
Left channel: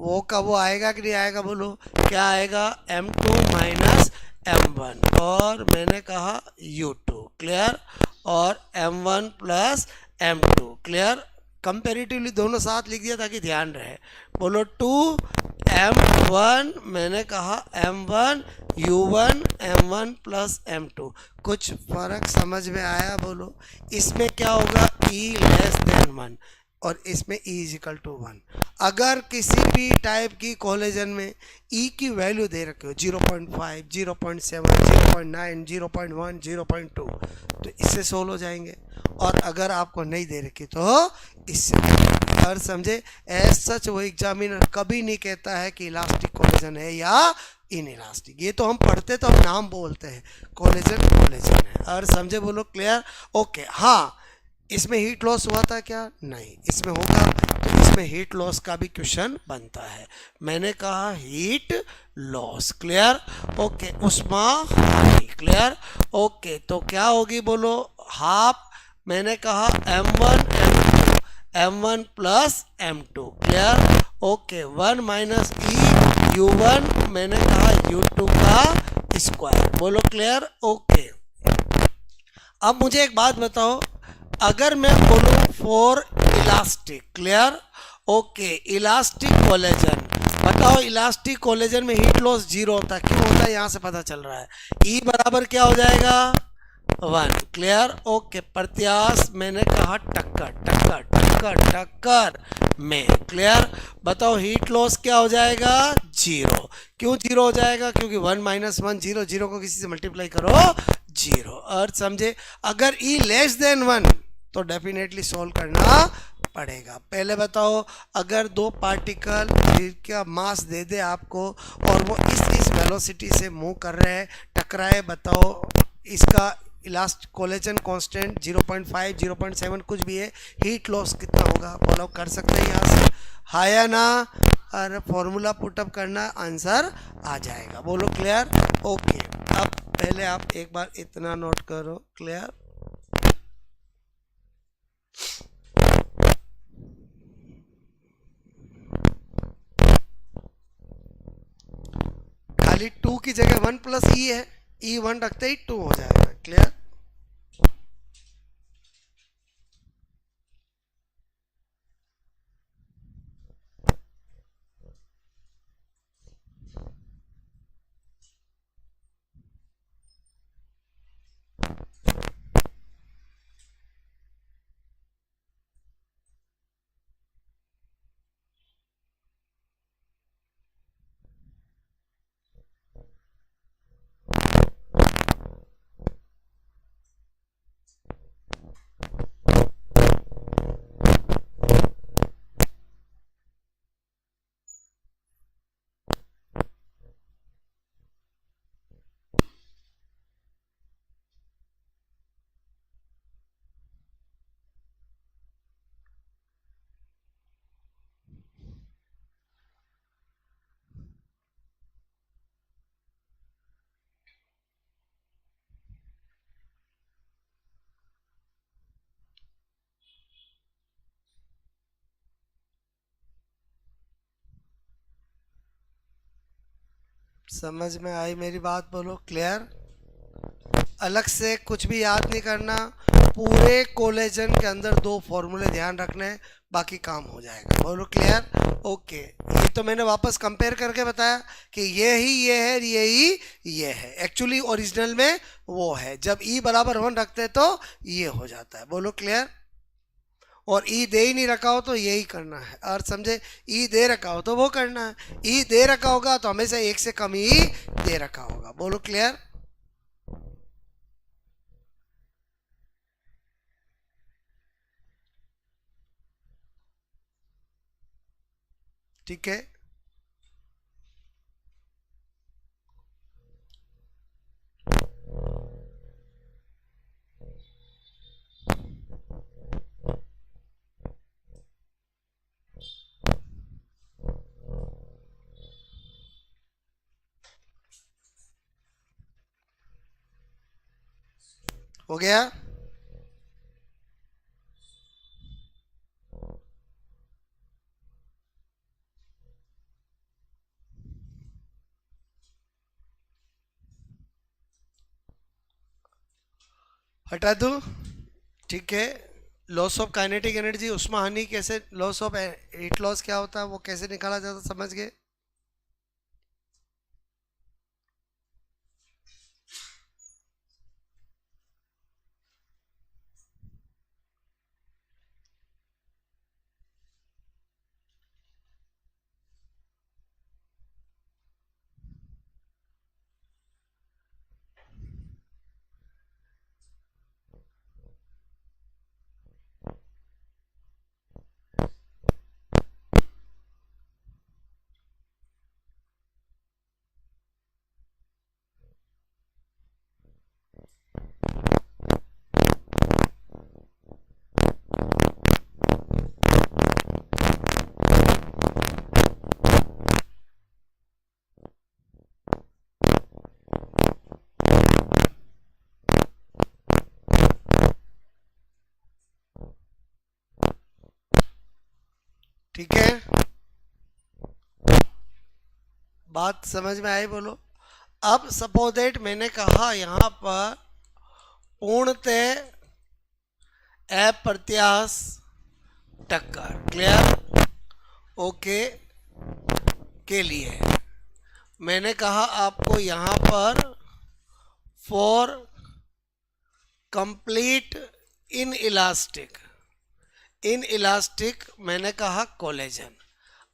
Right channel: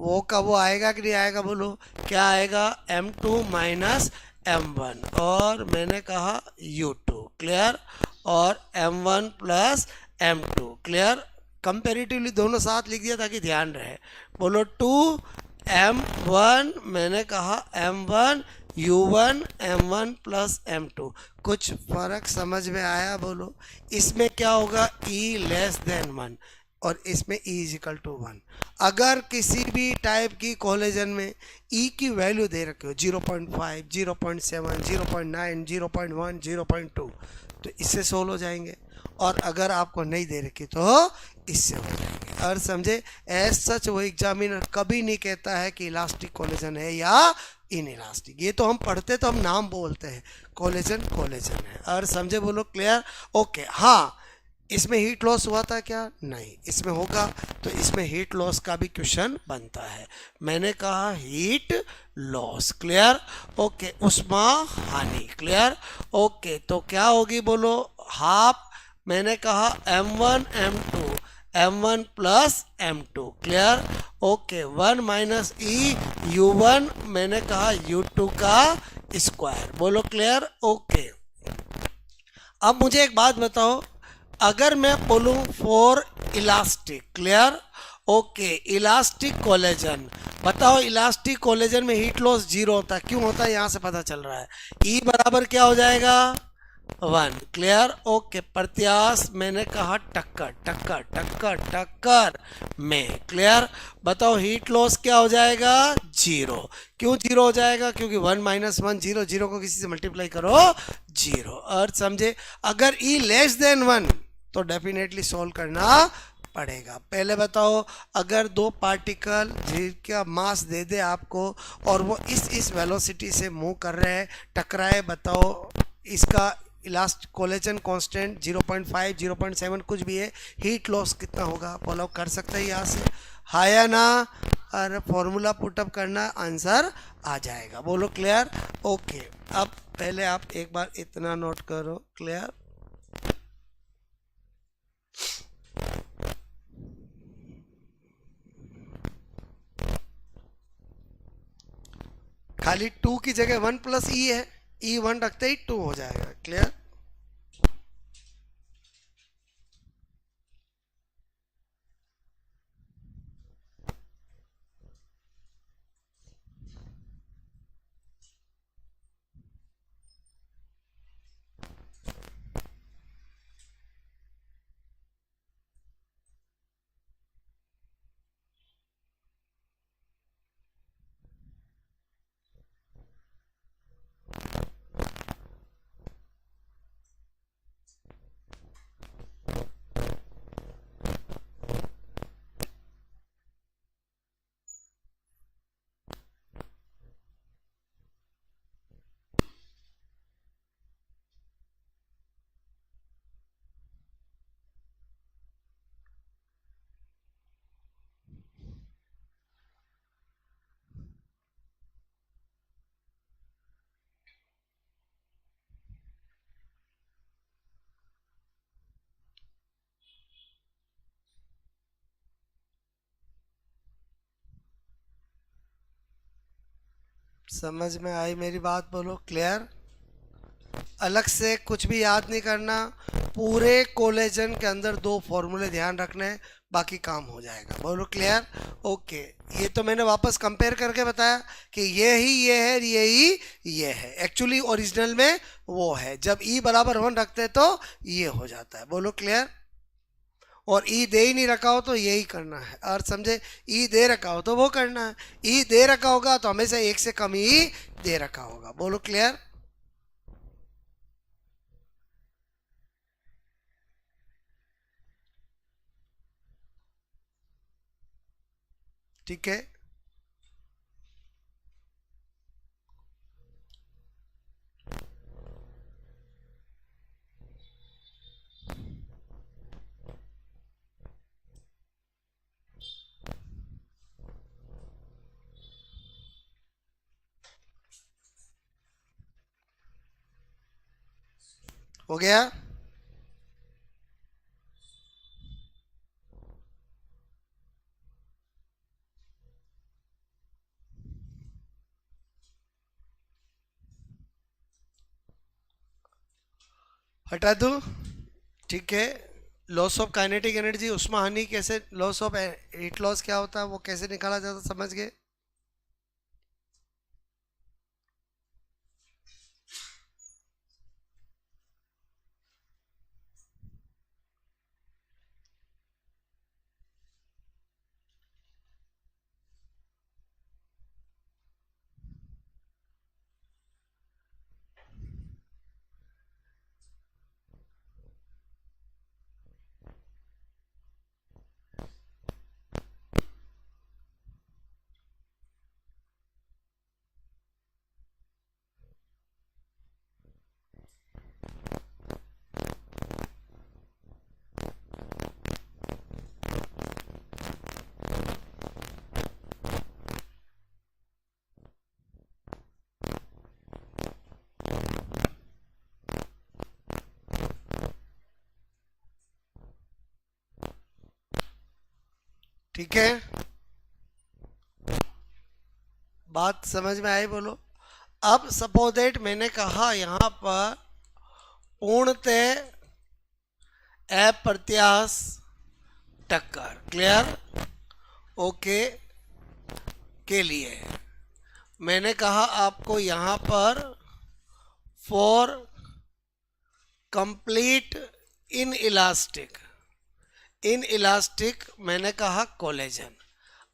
वो का वो आएगा कि नहीं आएगा, बोलो क्या आएगा? M2 माइनस M1 और मैंने कहा U2, क्लियर, और M1 plus M2, clear. Comparatively दोनों साथ लिख दिया ताकि ध्यान रहे, बोलो 2 M1, मैंने कहा M1 U1 M1 plus M2। कुछ फर्क समझ में आया, बोलो। इसमें क्या होगा? E <<1 और इसमें E = 1। अगर किसी भी टाइप की कोलेजन में E की वैल्यू दे रखे हो 0.5 0.7 0.9 0.1 0.2 तो इससे सोल्व हो जाएंगे, और अगर आपको नहीं दे रखी तो इससे हो जाएंगे। और समझे, एज सच वो एग्जामिनर कभी नहीं कहता है कि इलास्टिक कोलेजन है या इन इलास्टिक। ये तो हम पढ़ते तो हम नाम बोलते हैं, कोलेजन कोलेजन है। और समझे, बोलो क्लियर। ओके, हाँ, इसमें हीट लॉस हुआ था क्या? नहीं। इसमें होगा तो इसमें हीट लॉस का भी क्वेश्चन बनता है। मैंने कहा हीट लॉस, क्लियर, ओके, उष्मा हानि, क्लियर, ओके। तो क्या होगी, बोलो? हाफ, मैंने कहा M1 M2 M1 plus M2, clear, okay, 1 minus E U1, मैंने कहा U2 का स्क्वायर, बोलो क्लियर, ओके। अब मुझे एक बात बताओ, अगर मैं बोलूं for elastic, clear, okay, elastic collagen, बताओ इलास्टिक कोलेजन में हीट लॉस 0 होता है। क्यों होता है? यहां से पता चल रहा है। E बराबर क्या हो जाएगा? 1, क्लियर, ओके। प्रत्याश, मैंने कहा टक्कर टक्कर टक्कर टक्कर में, क्लियर। बताओ हीट लॉस क्या हो जाएगा? 0। क्यों 0 हो जाएगा? क्योंकि 1 माइनस 1 0, 0 को किसी से मल्टीप्लाई करो 0। और समझे, अगर E <<1 तो डेफिनेटली सोल्व करना पड़ेगा। पहले बताओ, अगर दो पार्टिकल जिनका मास दे दे आपको और वो इस वेलोसिटी से मूव कर रहे हैं, टकराए, बताओ इसका इलास्ट कोलेजन कांस्टेंट 0.5 0.7 कुछ भी है, हीट लॉस कितना होगा? फॉलो कर सकते हैं यहाँ से, हाँ या ना? और फॉर्मूला पुटअप करना, आंसर आ जाएगा। बोलो क्लियर? ओके। अब पहले आप एक बार इतना नोट करो, क्लियर? खाली 2 की जगह 1 प्लस ई है, ई 1 रखते ही 2 हो जाएगा। क्लियर? समझ में आई मेरी बात? बोलो क्लियर? अलग से कुछ भी याद नहीं करना, पूरे कोलेजन के अंदर 2 फॉर्मूले ध्यान रखने हैं, बाकी काम हो जाएगा। बोलो क्लियर? ओके। ये तो मैंने वापस कंपेयर करके बताया कि ये ही ये है, ये ही ये है। एक्चुअली ओरिजिनल में वो है, जब ई बराबर 1 रखते हैं तो ये हो जाता है। बोलो क्लियर? और ई दे ही नहीं रखा हो तो यही करना है, और समझे? ई दे रखा हो तो वो करना है, ई दे रखा होगा तो हमेशा 1 से कम ही दे रखा होगा। बोलो क्लियर? ठीक है। हो गया? हटा दूं? ठीक है। लॉस ऑफ काइनेटिक एनर्जी, उष्मा हानि कैसे, लॉस ऑफ हीट लॉस क्या होता है वो कैसे निकाला जाता, समझ गए? ठीक है, बात समझ में आई? बोलो। अब सपोज दैट मैंने कहा यहाँ पर पूर्णतः अप्रत्याश टक्कर, क्लियर? ओके। के लिए मैंने कहा आपको यहाँ पर for complete in elastic, in elastic मैंने कहा कोलेजन।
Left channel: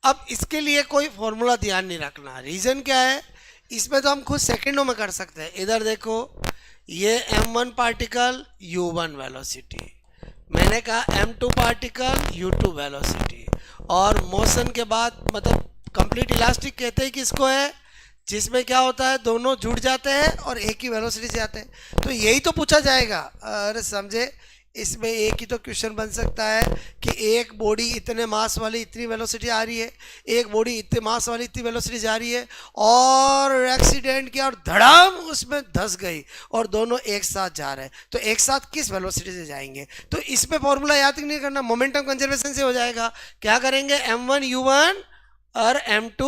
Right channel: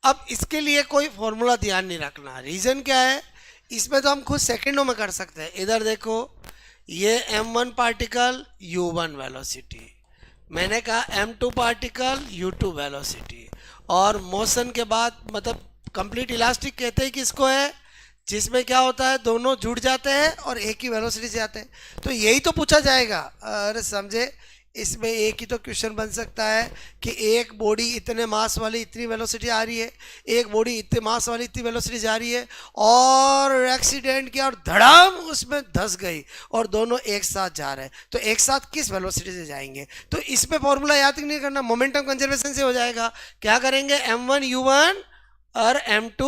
अब इसके लिए कोई फॉर्मूला ध्यान नहीं रखना। रीजन क्या है? इसमें तो हम खुद सेकंडों में कर सकते हैं। इधर देखो, ये m1 पार्टिकल u1 वेलोसिटी, मैंने कहा m2 पार्टिकल u2 वेलोसिटी, और मोशन के बाद मतलब कंप्लीट इलास्टिक कहते हैं किसको है? जिसमें क्या होता है, दोनों जुड़ जाते हैं और एक ही वेलोसिटी से आते हैं। तो यही तो पूछा जाएगा। अरे समझे, इसमें एक ही तो क्वेश्चन बन सकता है कि एक बॉडी इतने मास वाली इतनी वेलोसिटी आ रही है, एक बॉडी इतने मास वाली इतनी वेलोसिटी जा रही है, और एक्सीडेंट किया और धड़ाम उसमें धंस गई और दोनों एक साथ जा रहे हैं, तो एक साथ किस वेलोसिटी से जाएंगे? तो इसमें फॉर्मूला याद नहीं करना, मोमेंटम कंजर्वेशन से हो जाएगा। क्या करेंगे? m1u1 और m2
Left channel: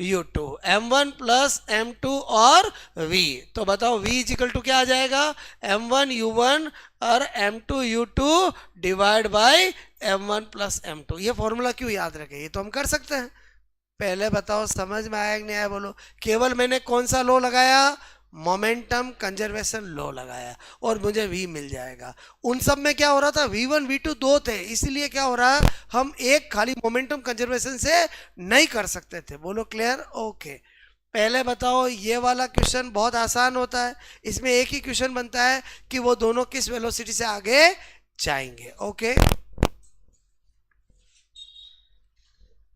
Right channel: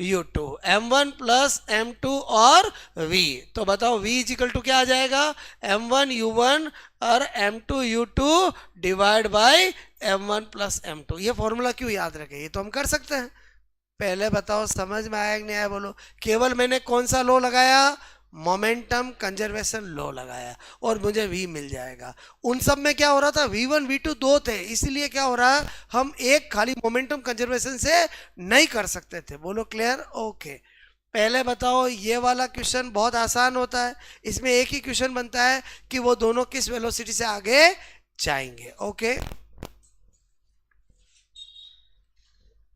u2, m1 plus m2 और v। तो बताओ v इजिकल टू क्या आ जाएगा? m1 u1 और m2 u2 divide by m1 plus m2। ये फॉर्मूला क्यों याद रखें? ये तो हम कर सकते हैं। पहले बताओ समझ में आया कि नहीं आया? बोलो। केवल मैंने कौन सा लॉ लगाया? मोमेंटम कंजर्वेशन लॉ लगाया और मुझे v मिल जाएगा। उन सब में क्या हो रहा था? v1 v2 दो थे, इसलिए क्या हो रहा है, हम एक खाली मोमेंटम कंजर्वेशन से नहीं कर सकते थे। बोलो क्लियर? ओके। पहले बताओ, ये वाला क्वेश्चन बहुत आसान होता है, इसमें एक ही क्वेश्चन बनता है कि वो दोनों किस वेलोसिटी से आगे जाएंगे। ओके,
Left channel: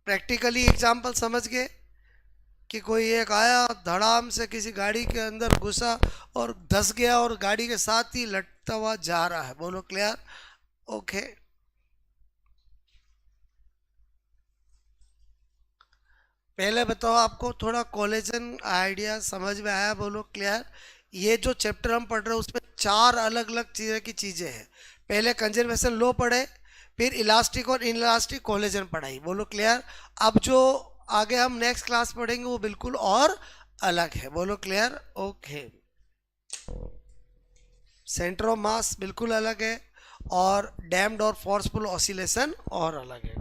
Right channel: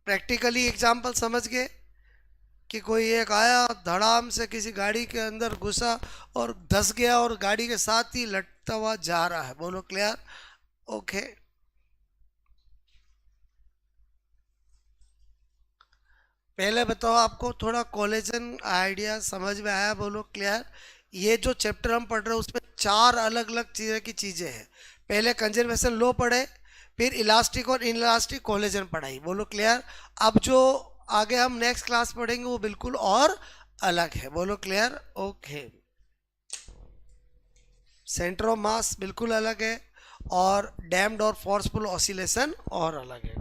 प्रैक्टिकली एग्जाम्पल समझ गए कि कोई एक आया धड़ाम से किसी गाड़ी के अंदर घुसा और धंस गया और गाड़ी के साथ ही लटता हुआ जा रहा है। बोलो क्लियर? ओके। पहले बताओ, आपको थोड़ा कोलिजन आइडिया समझ में आया? बोलो क्लियर? ये जो चैप्टर हम पढ़ रहे हैं उसमें 4 अलग अलग चीज़ें की चीज़ें हैं। पहले कंजर्वेशन लॉ पढ़े, फिर इलास्टिक और इनइलास्टिक कोलिजन पढ़ाई। बोलो क्लियर? अब जो आगे हम नेक्स्ट क्लास पढ़ेंगे वो बिल्कुल और अलग है। बोलो clear? Okay. Centre of mass बिल्कुल अलग है और डैम्ड और फोर्सफुल ऑसिलेशन और अलग है।